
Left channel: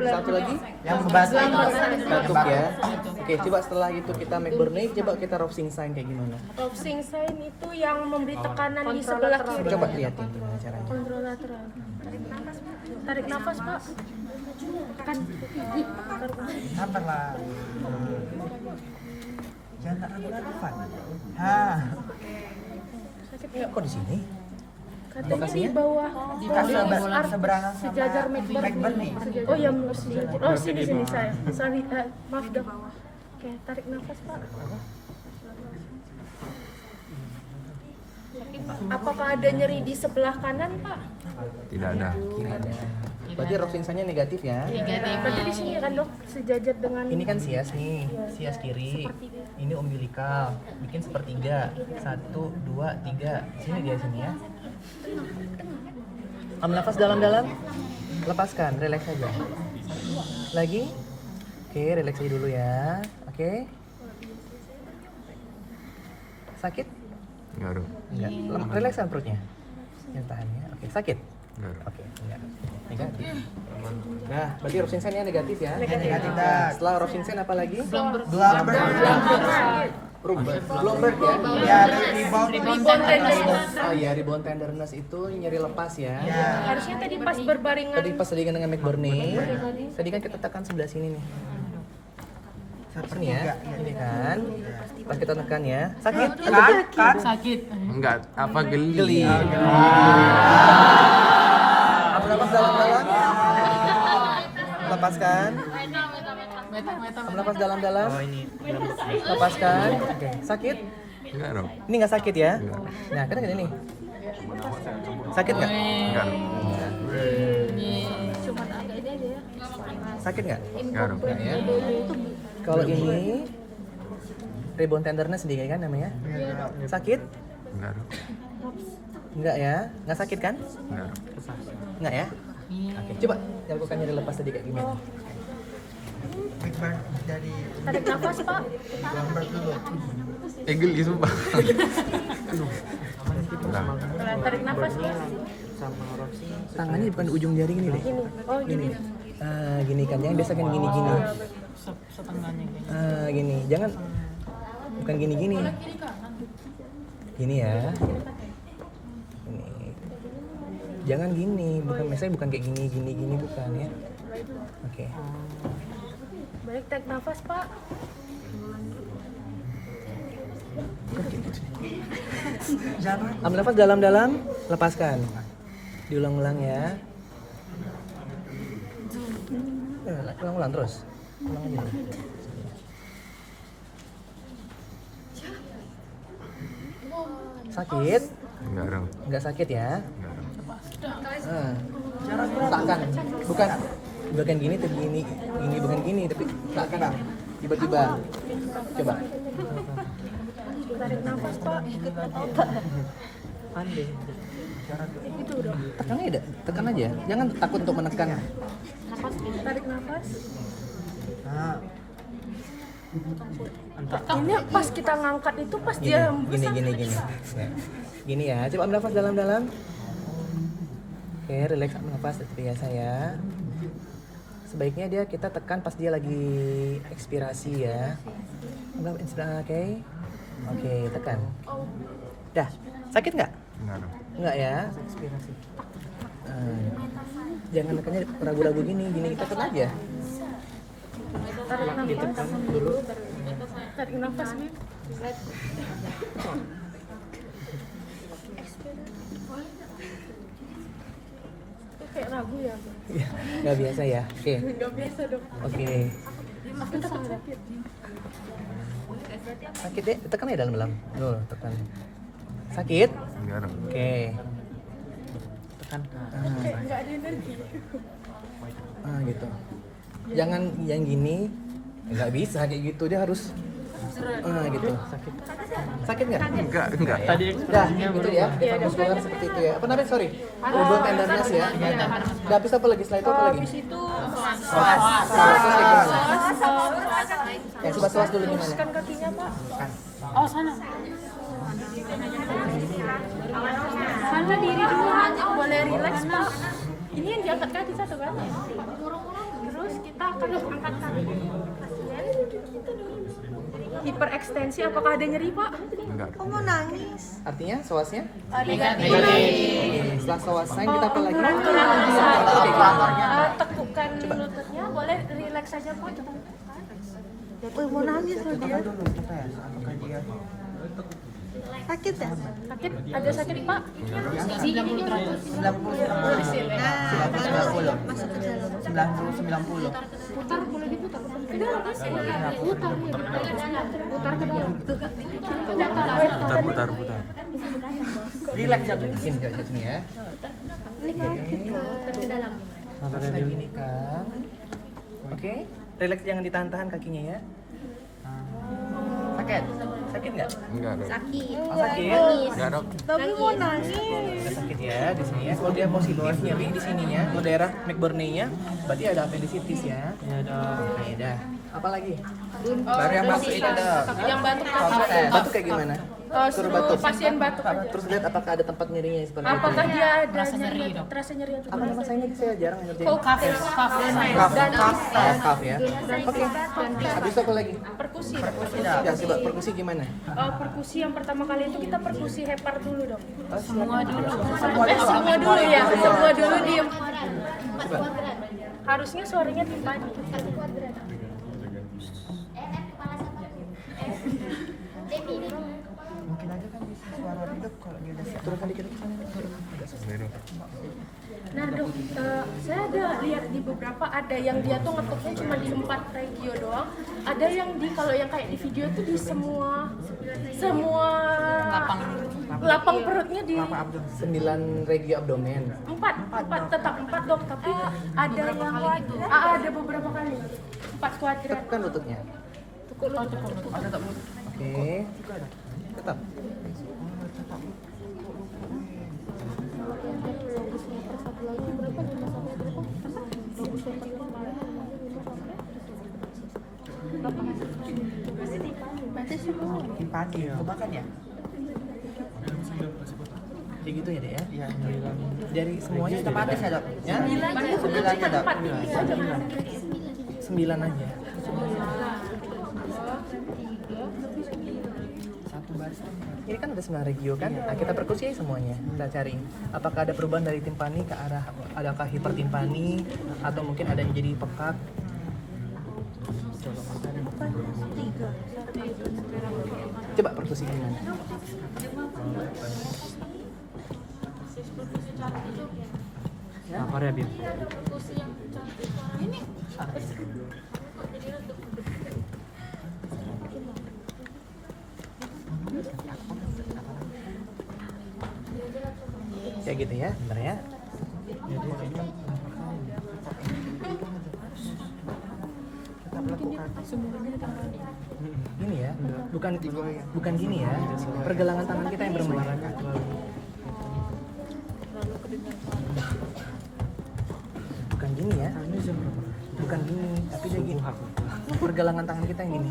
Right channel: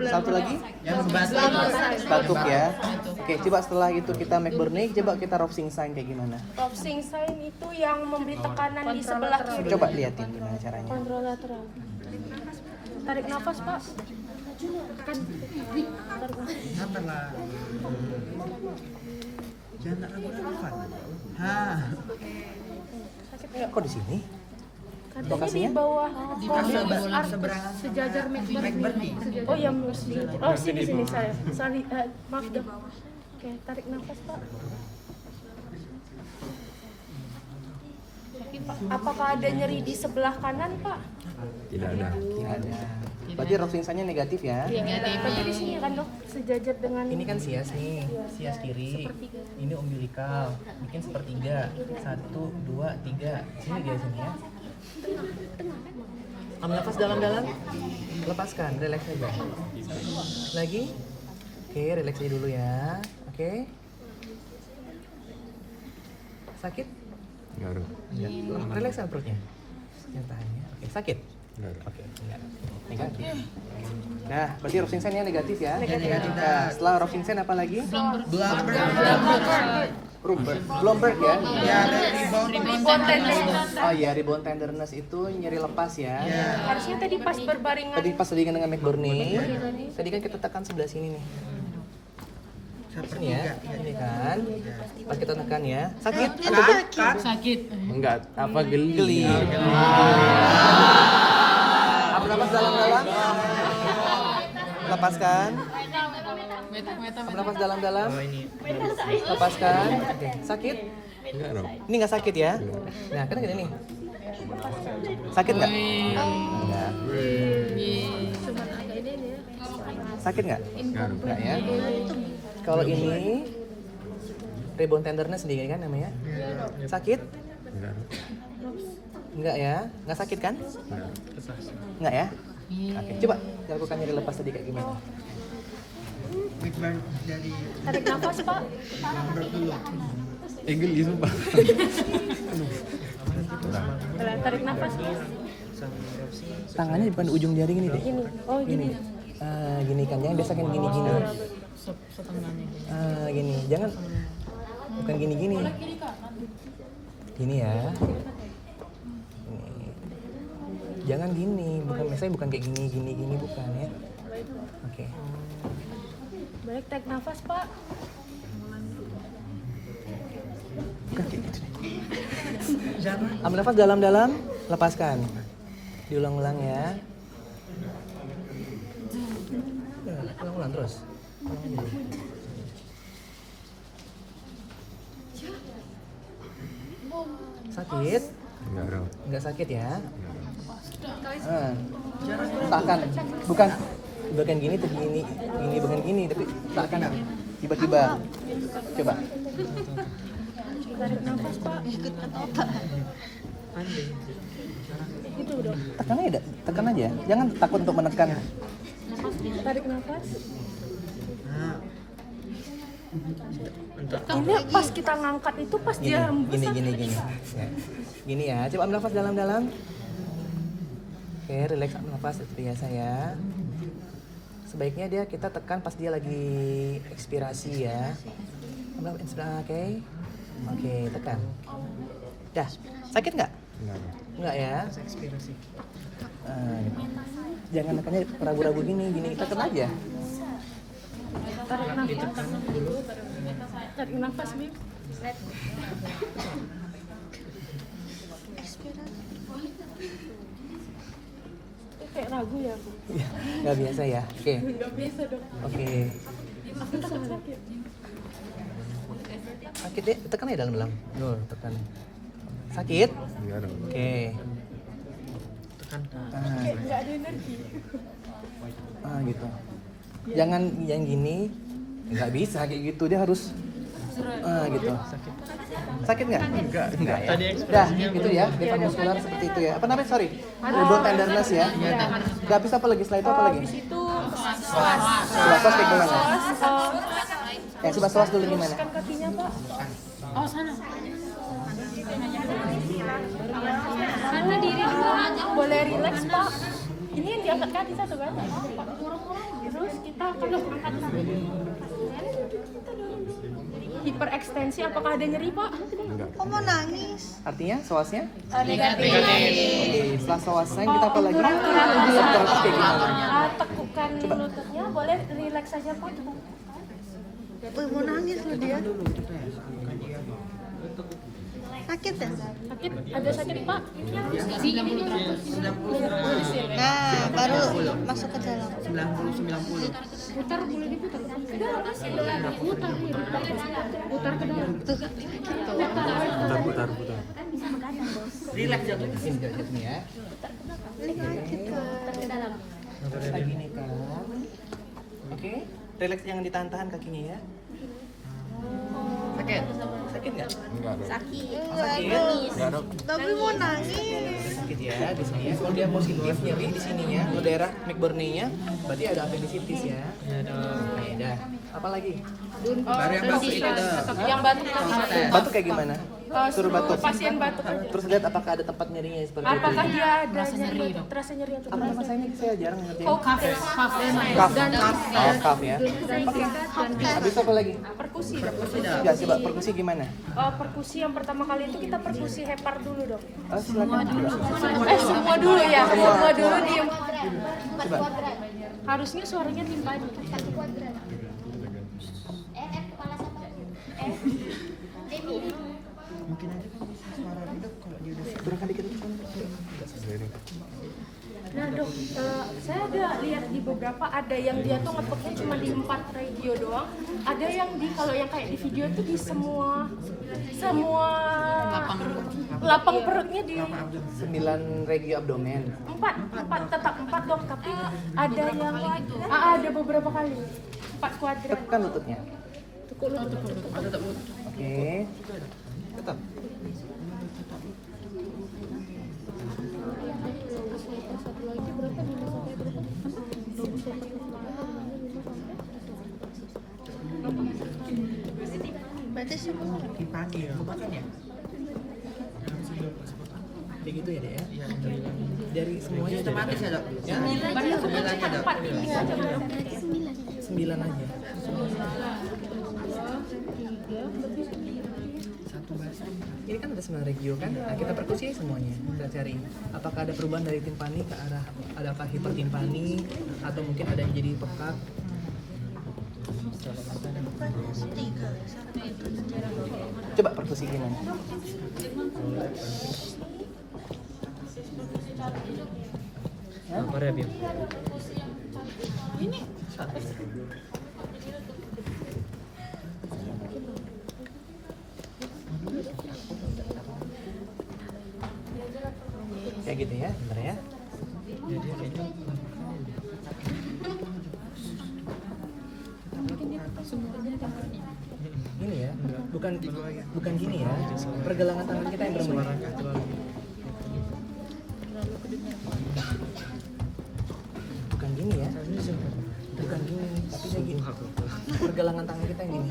satu lagi Yang ngebantu itu. batuk ya. Oke, coba setelah itu kita McBurney, coba kita Roxing sign kayak gimana? Roxing sign itu yang memberi tekanan di sebelah kiri. Coba lihatin gimana caranya. Kontralateral. Tarik nafas Pak. Sabar lah. Jangan tak ragu-ragu, Fan. Hah. Kok di sini? Katanya di Lokasinya? bawah Seberangan sama sejajar McBurney. Oh ya mesti. Oh sini saya. Sorry, maaf dah. Oke, tarik nafas Pak. Apakah ada nyeri di sebelah kanan Pak? Tidak ada. Berarti Roxing sign-nya negatif ya? Berarti di sini kan dok sejajar dengan Ini kan sias nih, sias kiri. Ini umbilikal, bikin sepertiga. 1, 2, 3. Sini dia sini ya. Ambil nafas dalam-dalam. Lepaskan, relax aja. Lagi. Oke, relax aja dulu ya. Oke. Sakit? Enggak dong. Enggak. Relaxkan perutnya. Ya, tahan ya. Oke, sakit? Enggak dong. Oke, enggak. Negatif. Nah, berarti Roxing sign-nya negatif ya? Negatif dah. Setelah Roxing sign apa lagi? Dua Bloomberg ya? Ya, rebound. Oh iya, rebound tenderness itu nyeri lepas ya? Ya. harusnya tadi pas berbaringan. Tadi pas tadi dengan McBurney, tadi kan kita tekan sebelah sini nih. Sini ya, ini kan. Pas kita tekan ya, sakit. Kan? Enggak, apa geli? Geli. Ambil nafas dalam-dalam. Lepaskan. Ambil nafas dalam-dalam. Lepaskan. Oke, sakit? Enggak dong. Ini nggak sakit ya? Nah, kan gini nih. Sakit nggak? Enggak. Sakit nggak? Enggak dong. Kalau ini rebound tenderness sendiri kan namanya? Sakit? Enggak dong. Enggak ya? Nggak sakit kan? Enggak dong. Enggak ya? Oke, coba lakukan nyeri lepas tadi kayak gimana? McBurn dari Tarik nafas Pak. Bloomberg dulu. Geli sumpah. Tarik nafas ya. Tangannya bukan ujung jari gini deh. Gini. Oh gini. Gini kan, jangan biasa kan gini-gini. Gini, jangan bukan gini-gini. Gini ya. Ini. Jangan gini, bukan misalnya bukan kayak gini bukan ya. Oke. Baik, tarik nafas Pak. Ambil nafas dalam-dalam, lepaskan. Diulang-ulang ya. Ulang-ulang terus. Ulang aja. Sakit? Enggak dong. Nggak sakit ya? Enggak dong. Takkan. Bukan gini tapi gini bukan gini tapi takkan tiba-tiba. Coba. Tarik nafas Pak. Itu udah. Tekan aja. Jangan takut untuk menekan. Tarik nafas. Nah, Ini pas kita ngangkat itu pas dia hembus. Gini. Ya. Gini ya. Coba ambil nafas dalam-dalam. Oke, relax ambil nafas seperti biasa ya. Sebaiknya kita tekan pas dia lagi ekspirasi ya. Ambil inspirasi, oke. Oke, tekan. Dah, sakit nggak? Enggak dong. Nggak ya? Jangan makanya ragu-ragu gini tekan aja. Tarik nafas. Tarik nafas Bim. Kayak ragu ya aku. Iya, nggak biasa ya. Oke. Nggak biasa dok. Oke. Aku takut sakit. Sakit deh, tekan aja dalam-dalam. Tuh, tekan. Sakit? Enggak dong. Oke. Tekan. Kayak nggak ada energi. Gitu. Jangan yang gini. Nggak bisa kayak gitu. Dia harus gitu. Sakit nggak? Enggak. Nah, gitu ya. Depan muskular seperti itu ya. Apa namanya? Sorry. Dua tendonnya ya. Udah habis apa lagi? Setelah itu apa lagi? Habis itu Soas kayak gimana? Coba soas dulu gimana? luruskan kakinya pak. Sana diri dulu. Boleh relax pak. Ini yang diangkat kaki satu kan? Terus kita akan angkat kaki pasien. Hiperekstensi, apakah ada nyeri pak? Enggak. Kok mau nangis? Artinya soasnya? Negatif. Oke, setelah soasan kita apa lagi? Tekukan lututnya, boleh relax saja pak. Kita tekan. Wih, mau nangis loh dia. Sakit ya? Sakit? Ada sakit pak? Nah, baru masuk ke dalam. 90. Putar. Relax jatuh sini ya. Terus lagi nih kak. Oke, relax jangan ditahan-tahan kakinya ya. Sakit? Sakit nggak? Enggak dong. Sakit? Enggak dong. Tapi mau nangis. Ada sakit ya di sini ya. Kalau dia positif nyeri di sininya, ke daerah McBurney-nya, berarti ada appendicitis ya. Oke, dah. Apa lagi? Baru yang bagus itu ada. Yang batuk tadi. Batuk kayak gimana? Suruh batuk. Pasien batuk aja. Terus lihat apakah ada tempat nyerinya seperti itu. Apakah dia ada nyeri? Terasa nyeri atau Apa nama saya ini? Saya jarang ngerti. Kaf ya. Oke. Habis itu apa lagi? perkusi dok. Ya, coba perkusi gimana? Perkusi yang pertama kali itu kita perkusi hepar dulu dok. Semua dulu. Semua dulu ya. Semua dulu diem. Coba. Harusnya suaranya timpani. Mungkin aja kan bisa suara hidup kalau dia udah Turunkan dikit. Ini. Nah dok, saya ada lihat di beberapa ada yang dia tuh ngetuknya cuma di 4 regio doang. Ada yang di kalau yang kayak di video tuh di semua lapang perutnya di 9 regio abdomen. 4 tetap 4 dok, tapi ada yang ada beberapa kali 4 kuadran. Tekan lututnya. Oke. Tetap. Berarti semua. Timpani ya. Makan ya? Kayak gitu ya dek ya? Iya. Dari semuanya Sistematis ya dok? Ya? Banyak cuma 4 titik aja dok. 9 aja. Ini kan ada 9 regio kan? Nah, kita perkusi aja semuanya. Kita cari apakah ada perubahan dari timpani ke arah adakah hipertimpani atau mungkin ada yang jadi pekat. Bukannya 3. Coba perkusi gimana? Apa ya, Bim? Kayak gitu ya, bentar ya. Gini ya, bukan gini ya. Pergelangan tangan kita yang bermain. Bukan gini ya. Bukan gini, tapi kayak gini. Pergelangan tangan kita yang gini.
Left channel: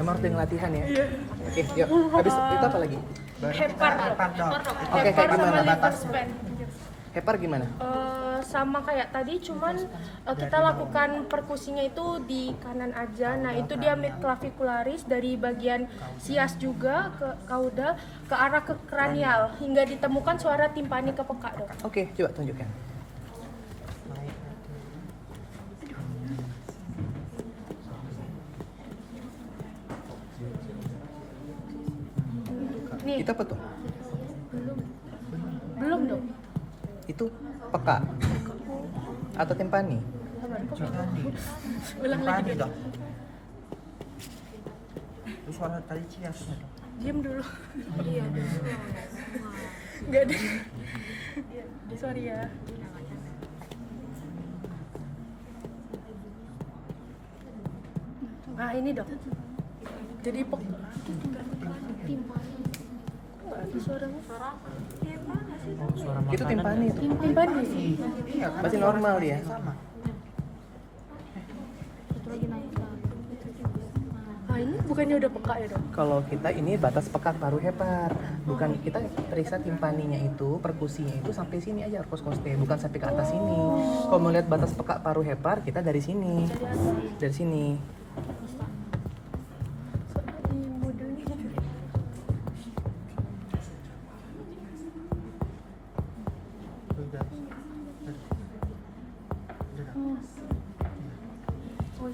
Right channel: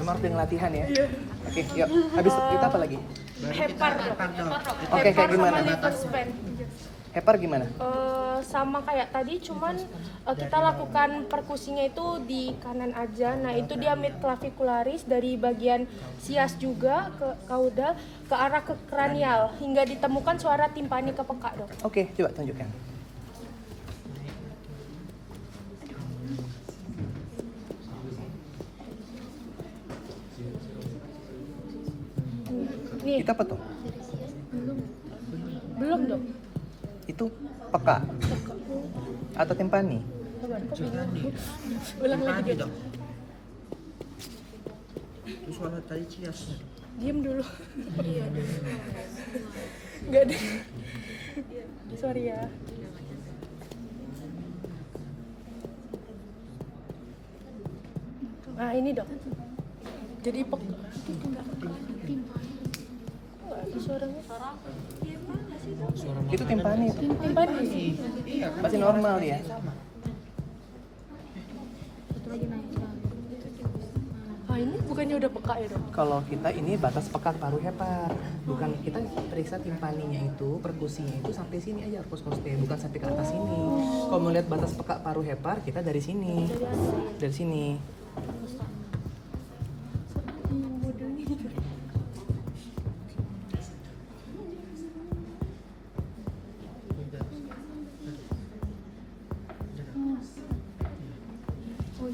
Emang harus dengan latihan ya. Oke, yuk. Habis itu apa lagi? Hepar dok. Oke, kayak Hepar sama gimana? lithospan. Hepar gimana? Sama kayak tadi, cuman kita lakukan perkusinya itu di kanan aja. Nah itu dia mid clavicularis dari bagian sias juga ke caudal ke arah ke kranial hingga ditemukan suara timpani ke peka dok. Oke, coba tunjukkan. Nih Itu apa tuh? belum dok. Itu Peka atau timpani? Ulang lagi dong. Itu suara tadi cias. Diam dulu. Iya, Enggak ada. Sorry ya. Nah, ini dok. Jadi nggak ada suaranya. Itu timpani tuh. Timpani. Masih normal dia. Ah, ini bukannya udah peka ya dok? Kalau kita ini batas peka paru hepar, bukan kita periksa timpaninya itu, perkusinya itu sampai sini aja arcus costae, bukan sampai ke atas sini. Kalau mau lihat batas peka paru hepar, kita dari sini, dari sini.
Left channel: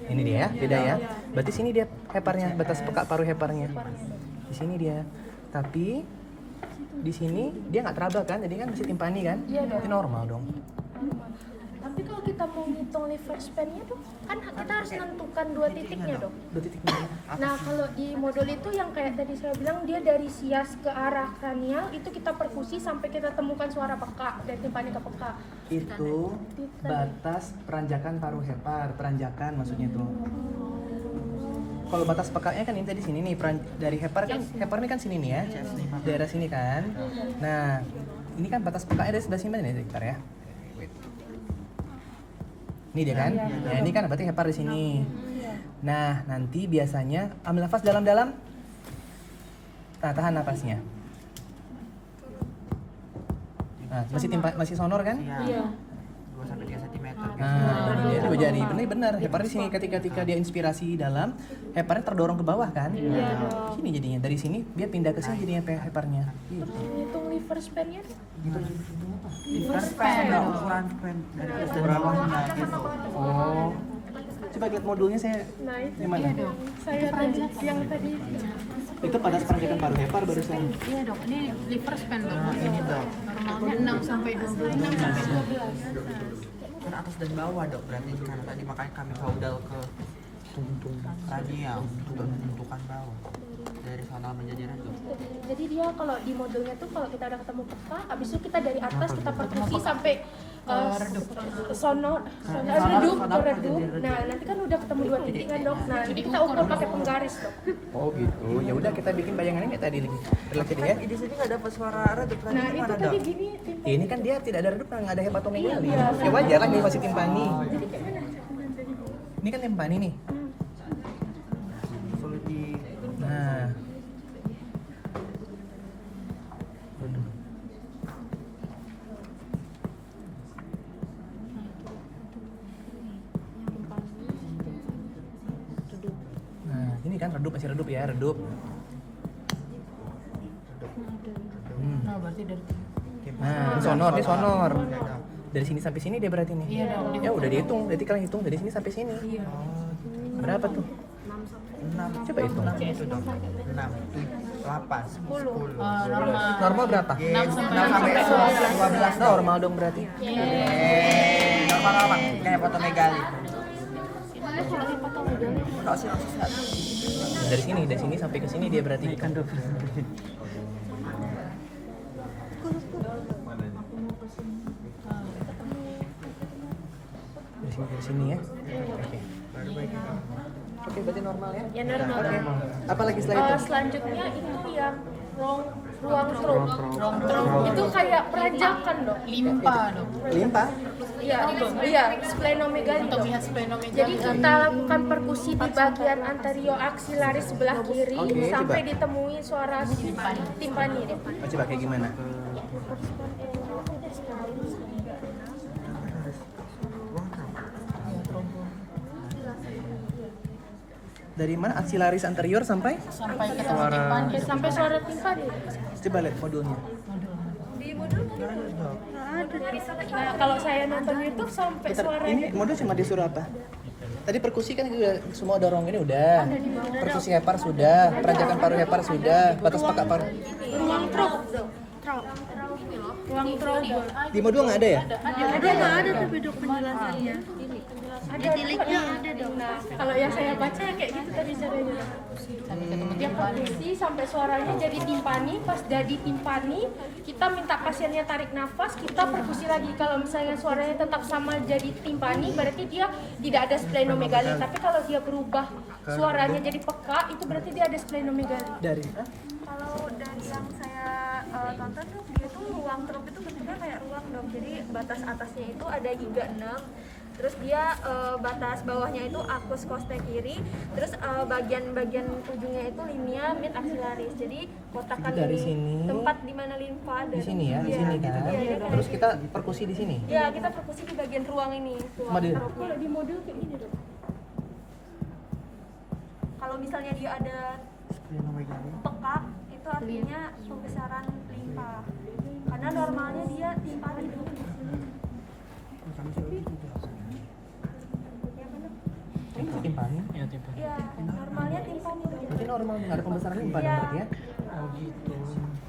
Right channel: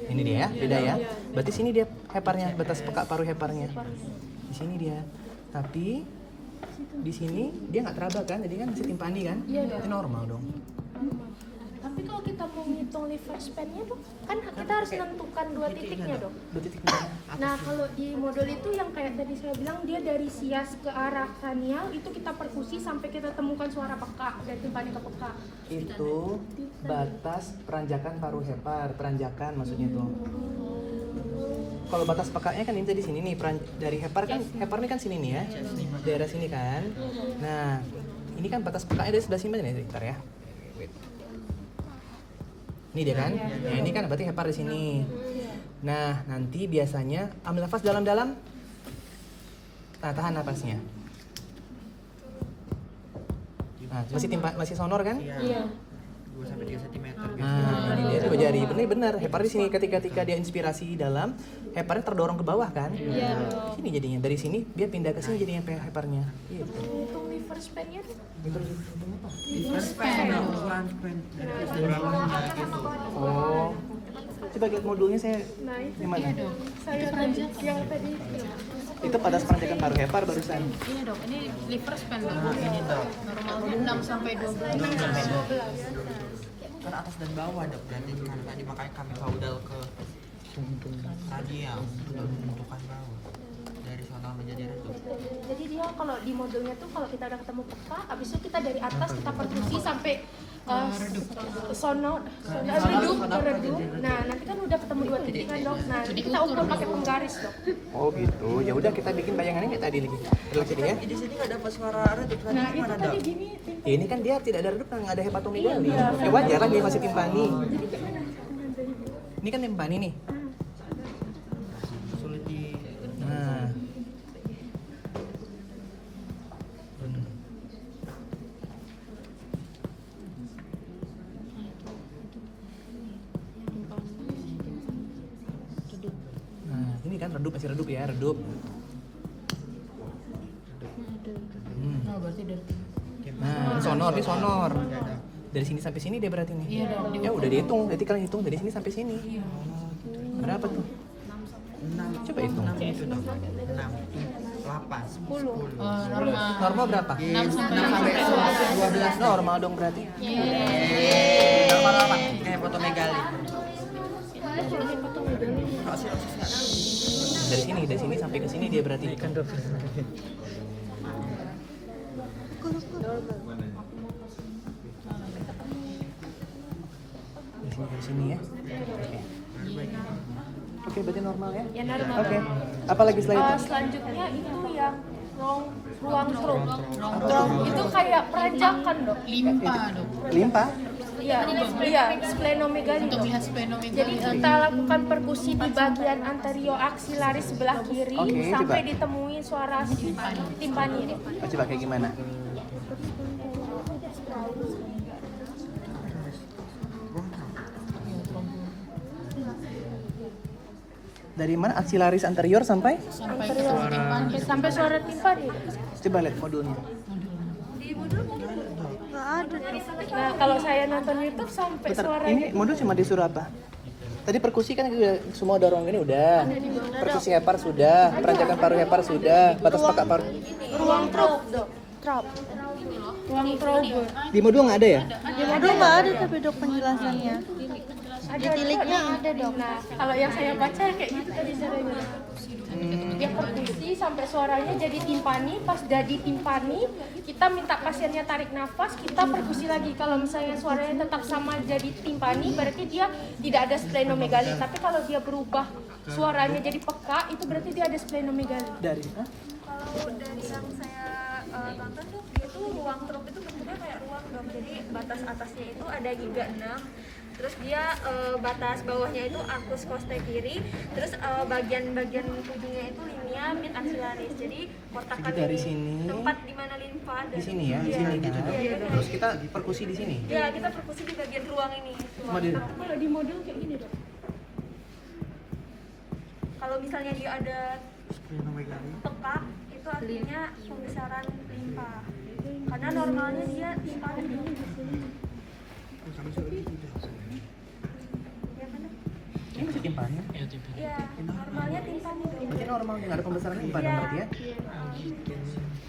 Ini dia ya, beda ya. Berarti sini dia heparnya, batas peka paru heparnya. Di sini dia. Tapi di sini dia nggak teraba kan, jadi kan masih timpani kan? Iya dong. Ini normal dong. Tapi kalau kita mau ngitung liver span-nya tuh, kan kita harus menentukan 2 titiknya dok. 2 titik mana? Nah kalau di modul itu yang kayak tadi saya bilang, dia dari sias ke arah kranial itu kita perkusi sampai kita temukan suara peka dan timpani ke peka. Itu batas peranjakan paru hepar, peranjakan maksudnya tuh. Kalau batas pekanya kan ini tadi sini nih, dari hepar kan, hepar ini kan sini nih ya, daerah sini kan. Nah, ini kan batas pekanya dari sebelah sini nih, bentar ya. Ini dia kan, nah ini kan berarti hepar di sini. Nah, nanti biasanya ambil nafas dalam-dalam. Nah, tahan nafasnya. Nah, masih sonor kan? Iya. 2 sampai 3 cm. Nah, ini juga jari, bener-bener hepar di sini ketika dia inspirasi dalam, heparnya terdorong ke bawah kan? Sini jadinya, dari sini dia pindah ke sini jadinya heparnya. Gitu. Hitung liver span-nya Liver span, ukuran span dari atas dan bawahnya gitu. Oh, coba lihat modulnya saya. Nah itu Gimana? saya yang tadi Itu pada peranjakan paru hepar barusan. Iya dok, ini liver span dok. Ini dok, Normalnya 6 sampai 12. kan atas dan bawah dok, berarti karena tadi makanya kami kaudal ke radial untuk menentukan bawah dari sonal menjadi redup. Jadi dia kalau di modulnya tuh kalau kita udah ketemu peka, abis itu kita dari atas kita perkusi sampai sono redup ke redup. Nah nanti kan udah ketemu 2 titik kan dok. Nah nanti kita ukur pakai penggaris dok. Oh gitu. Ya udah kita bikin bayangannya kayak tadi lagi. Relax ya. Di sini nggak dapat suara redup tadi Nah itu gimana tadi dok? gini. Ya, ini kan dia tidak ada redup, nggak ada hepatomegali. Ya wajar kan dia masih timpani. Ini kan timpani nih. Sulit di Nah. Nah, ini kan redup, masih redup ya, redup. Nah berarti dari Nah, ini sonor. Dari sini sampai sini dia berarti nih. Ya udah dihitung, berarti kalian hitung dari sini sampai sini. Berapa tuh? 6. Coba hitung. 6 itu dok. 6, 8, 10. normal. Normal berapa? 6 sampai 12 dok. Normal dong berarti. Normal apa? Ini hepatomegali. Kalau sih Dari sini sampai ke sini dia berarti hitung. Dari sini ya. Oke, berarti normal ya? Ya normal. Oke. Apa lagi selain itu? Selanjutnya itu yang ruang stroke. Itu kayak perajakan dok. Limpa dok. Limpa. Iya, splenomegali. Untuk lihat splenomegali. Jadi kita lakukan perkusi di bagian anterior aksilaris sebelah kiri Oke, sampai coba. ditemui suara timpani deh. Coba kayak gimana? Dari mana? Aksilaris anterior sampai? Sampai ke timpani. Sampai suara timpani. Coba lihat modulnya. Nggak ada. Nah, kalau saya nonton YouTube sampai Bentar, suara ini modul cuma disuruh apa? Tadi perkusi kan udah semua dorong ini udah. Perkusi hepar sudah, peranjakan paru hepar sudah, batas peka paru. ruang truk. Trop. Ruang trouble. Di modul nggak ada ya? Udah nggak ada tapi dok penjelasannya. Di tiliknya ada dok. Nah, kalau yang saya baca yang kayak gitu tadi caranya. Sampai ketemu Dia timpani. perkusi sampai suaranya jadi timpani. Pas jadi timpani, kita minta pasiennya tarik nafas, kita perkusi lagi. Kalau misalnya suaranya tetap sama jadi timpani, berarti dia tidak ada splenomegali. Tapi kalau dia berubah suaranya jadi peka, itu berarti dia ada splenomegali. Dari Kalau dari yang saya tonton tuh dia tuh ruang trup itu bentuknya kayak ruang dong. Jadi batas atasnya itu ada giga 6. Terus dia batas bawahnya itu arcus costae kiri. Terus bagian-bagian ujungnya itu linea mid axillaris. Jadi kotakan Jadi dari ini sini, tempat di mana limfa di sini ya, di Iya, sini gitu. kan. Iya, iya, Terus kayak kita perkusi di sini. gitu. Ya, kita perkusi di bagian ruang ini, ruang Cuma di- trupnya. Kalau di modul kayak gini dok. Kalau misalnya dia ada pekak, itu artinya pembesaran limfa. Karena normalnya dia timpani dong. Ya benar. Ini masih timpani. Iya, normalnya timpani dong. Berarti normal, nggak ada pembesaran limpa dong Iya. berarti ya.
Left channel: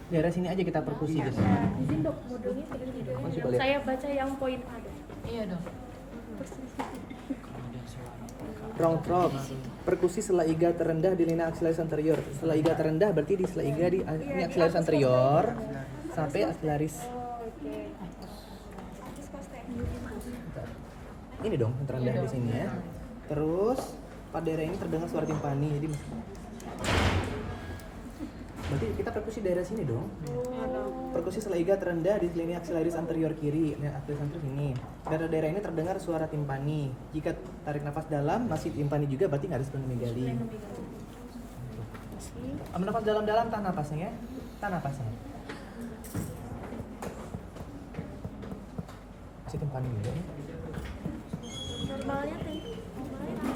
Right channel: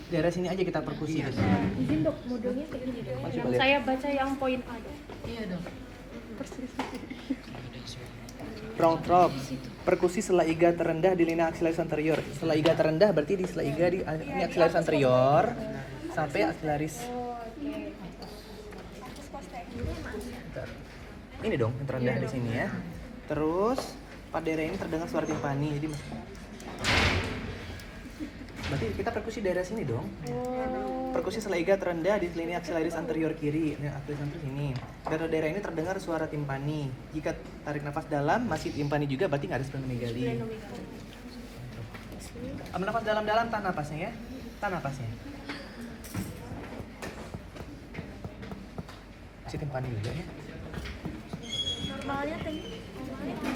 Daerah sini aja kita perkusi guys. Izin dok, modulnya kayak gini dok. Yang lihat. saya baca yang poin A dok. Iya dong. Round drop. Perkusi selaiga terendah di linea axillaris anterior. Selaiga terendah berarti di selaiga di ini axillaris anterior sampai axillaris. Bentar. Ini dong yang terendah di sini ya. Terus pada daerah ini terdengar suara timpani. Jadi berarti kita perkusi daerah sini dong. Perkusi selaiga terendah di linea axillaris anterior kiri. Linea axillaris anterior sini. Daerah ini terdengar suara timpani. Jika tarik nafas dalam masih timpani juga berarti nggak ada splenomegali. Ambil nafas dalam-dalam, tahan nafasnya ya. Tahan nafasnya. Masih timpani juga ya. Normalnya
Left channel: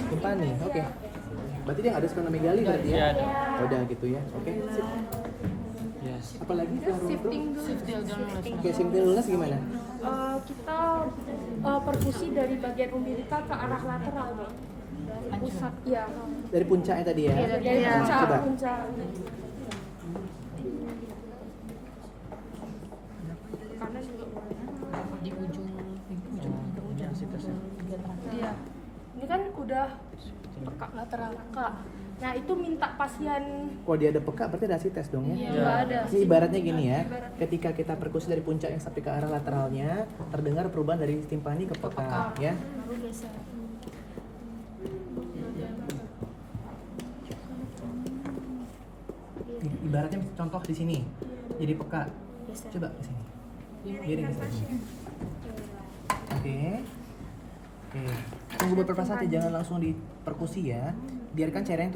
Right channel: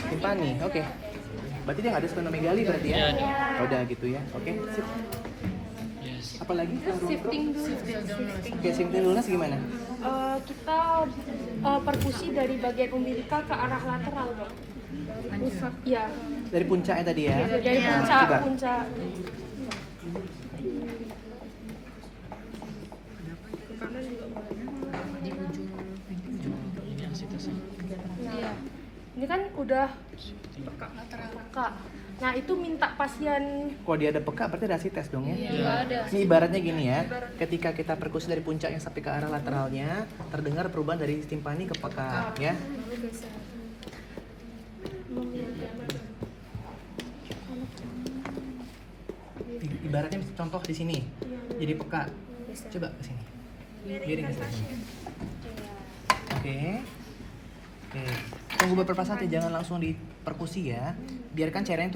Timpani, oke. Berarti dia nggak ada splenomegali berarti ya? Udah gitu ya, oke. Sip. Apalagi Shifting dulu. Oke, shifting lunas gimana? Kita perkusi dari bagian umbilical ke arah lateral dok. Pusat, ya. Dari puncaknya tadi ya? Dari puncak, Coba. puncak. Di ujung Nah, ini kan udah peka. Nah, itu minta pasien Kalau dia ada peka berarti ada tes dong ya? Ini ibaratnya gini ya, ketika kita perkusi dari puncaknya sampai ke arah lateralnya, terdengar perubahan dari timpani ke peka ya. Ibaratnya contoh di sini, jadi peka. Coba ke sini. Miring ke sini. Oke. Oke. Tunggu beberapa saat ya, jangan langsung diperkusi ya. Biarkan cairannya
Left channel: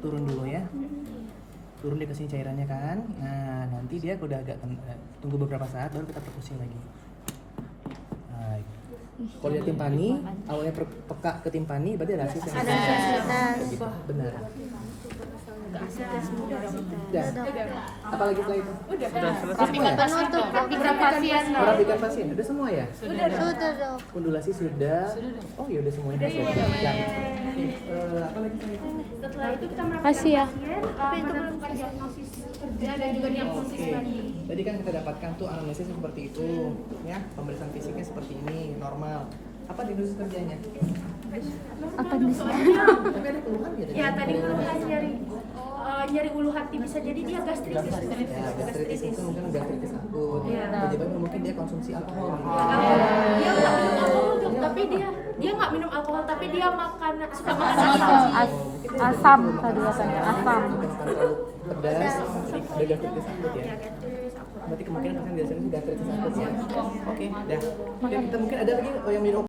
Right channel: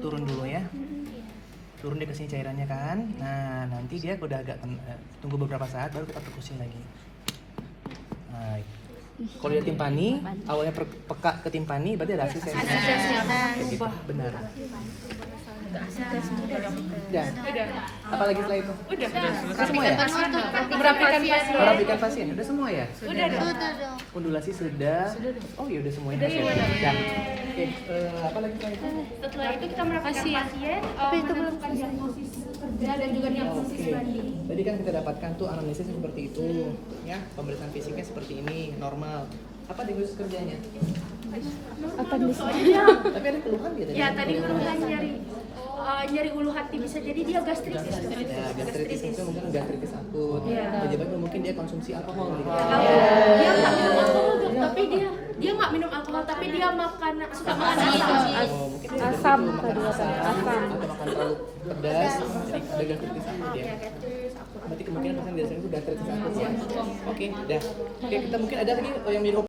turun dulu ya. Turun deh ke sini cairannya kan. Nah, nanti dia udah agak tunggu beberapa saat baru kita perkusi lagi. Nah, kalau dia timpani, awalnya peka ke timpani berarti ada hasil tes. Ada hasil tes. Gitu, benar. Ya. Apalagi setelah itu? udah Semua ya? Penutup dok. merapikan pasien. Merapikan pasien, udah semua ya? Sudah dok. Kondulasi sudah. Oh iya udah semuanya. Udah ya. Oke, apa lagi setelah itu? Setelah itu kita merapikan pasien, menentukan diagnosis kerja dan juga diagnosis Oke. banding. Tadi kan kita dapatkan tuh anamnesis seperti itu, ya. Pemeriksaan fisiknya seperti ini, normal. Apa diagnosis kerjanya? Tapi ada keluhan dia tadi? Ya, tadi keluhan nyari ulu hati, bisa jadi dia gastritis. Ya, gastritis mungkin gastritis akut. Penyebabnya mungkin dia konsumsi alkohol gitu. Dia nggak minum alkohol dok, tapi dia nggak minum alkohol, tapi dia suka makan asam. Oh, mungkin dia asam tadi. Atau makan terlalu pedas, jadi ada gastritis akut ya. Berarti kemungkinan pasien biasanya itu gastritis akut ya. Oke, dah. Oke, kita mungkin ada lagi yang minum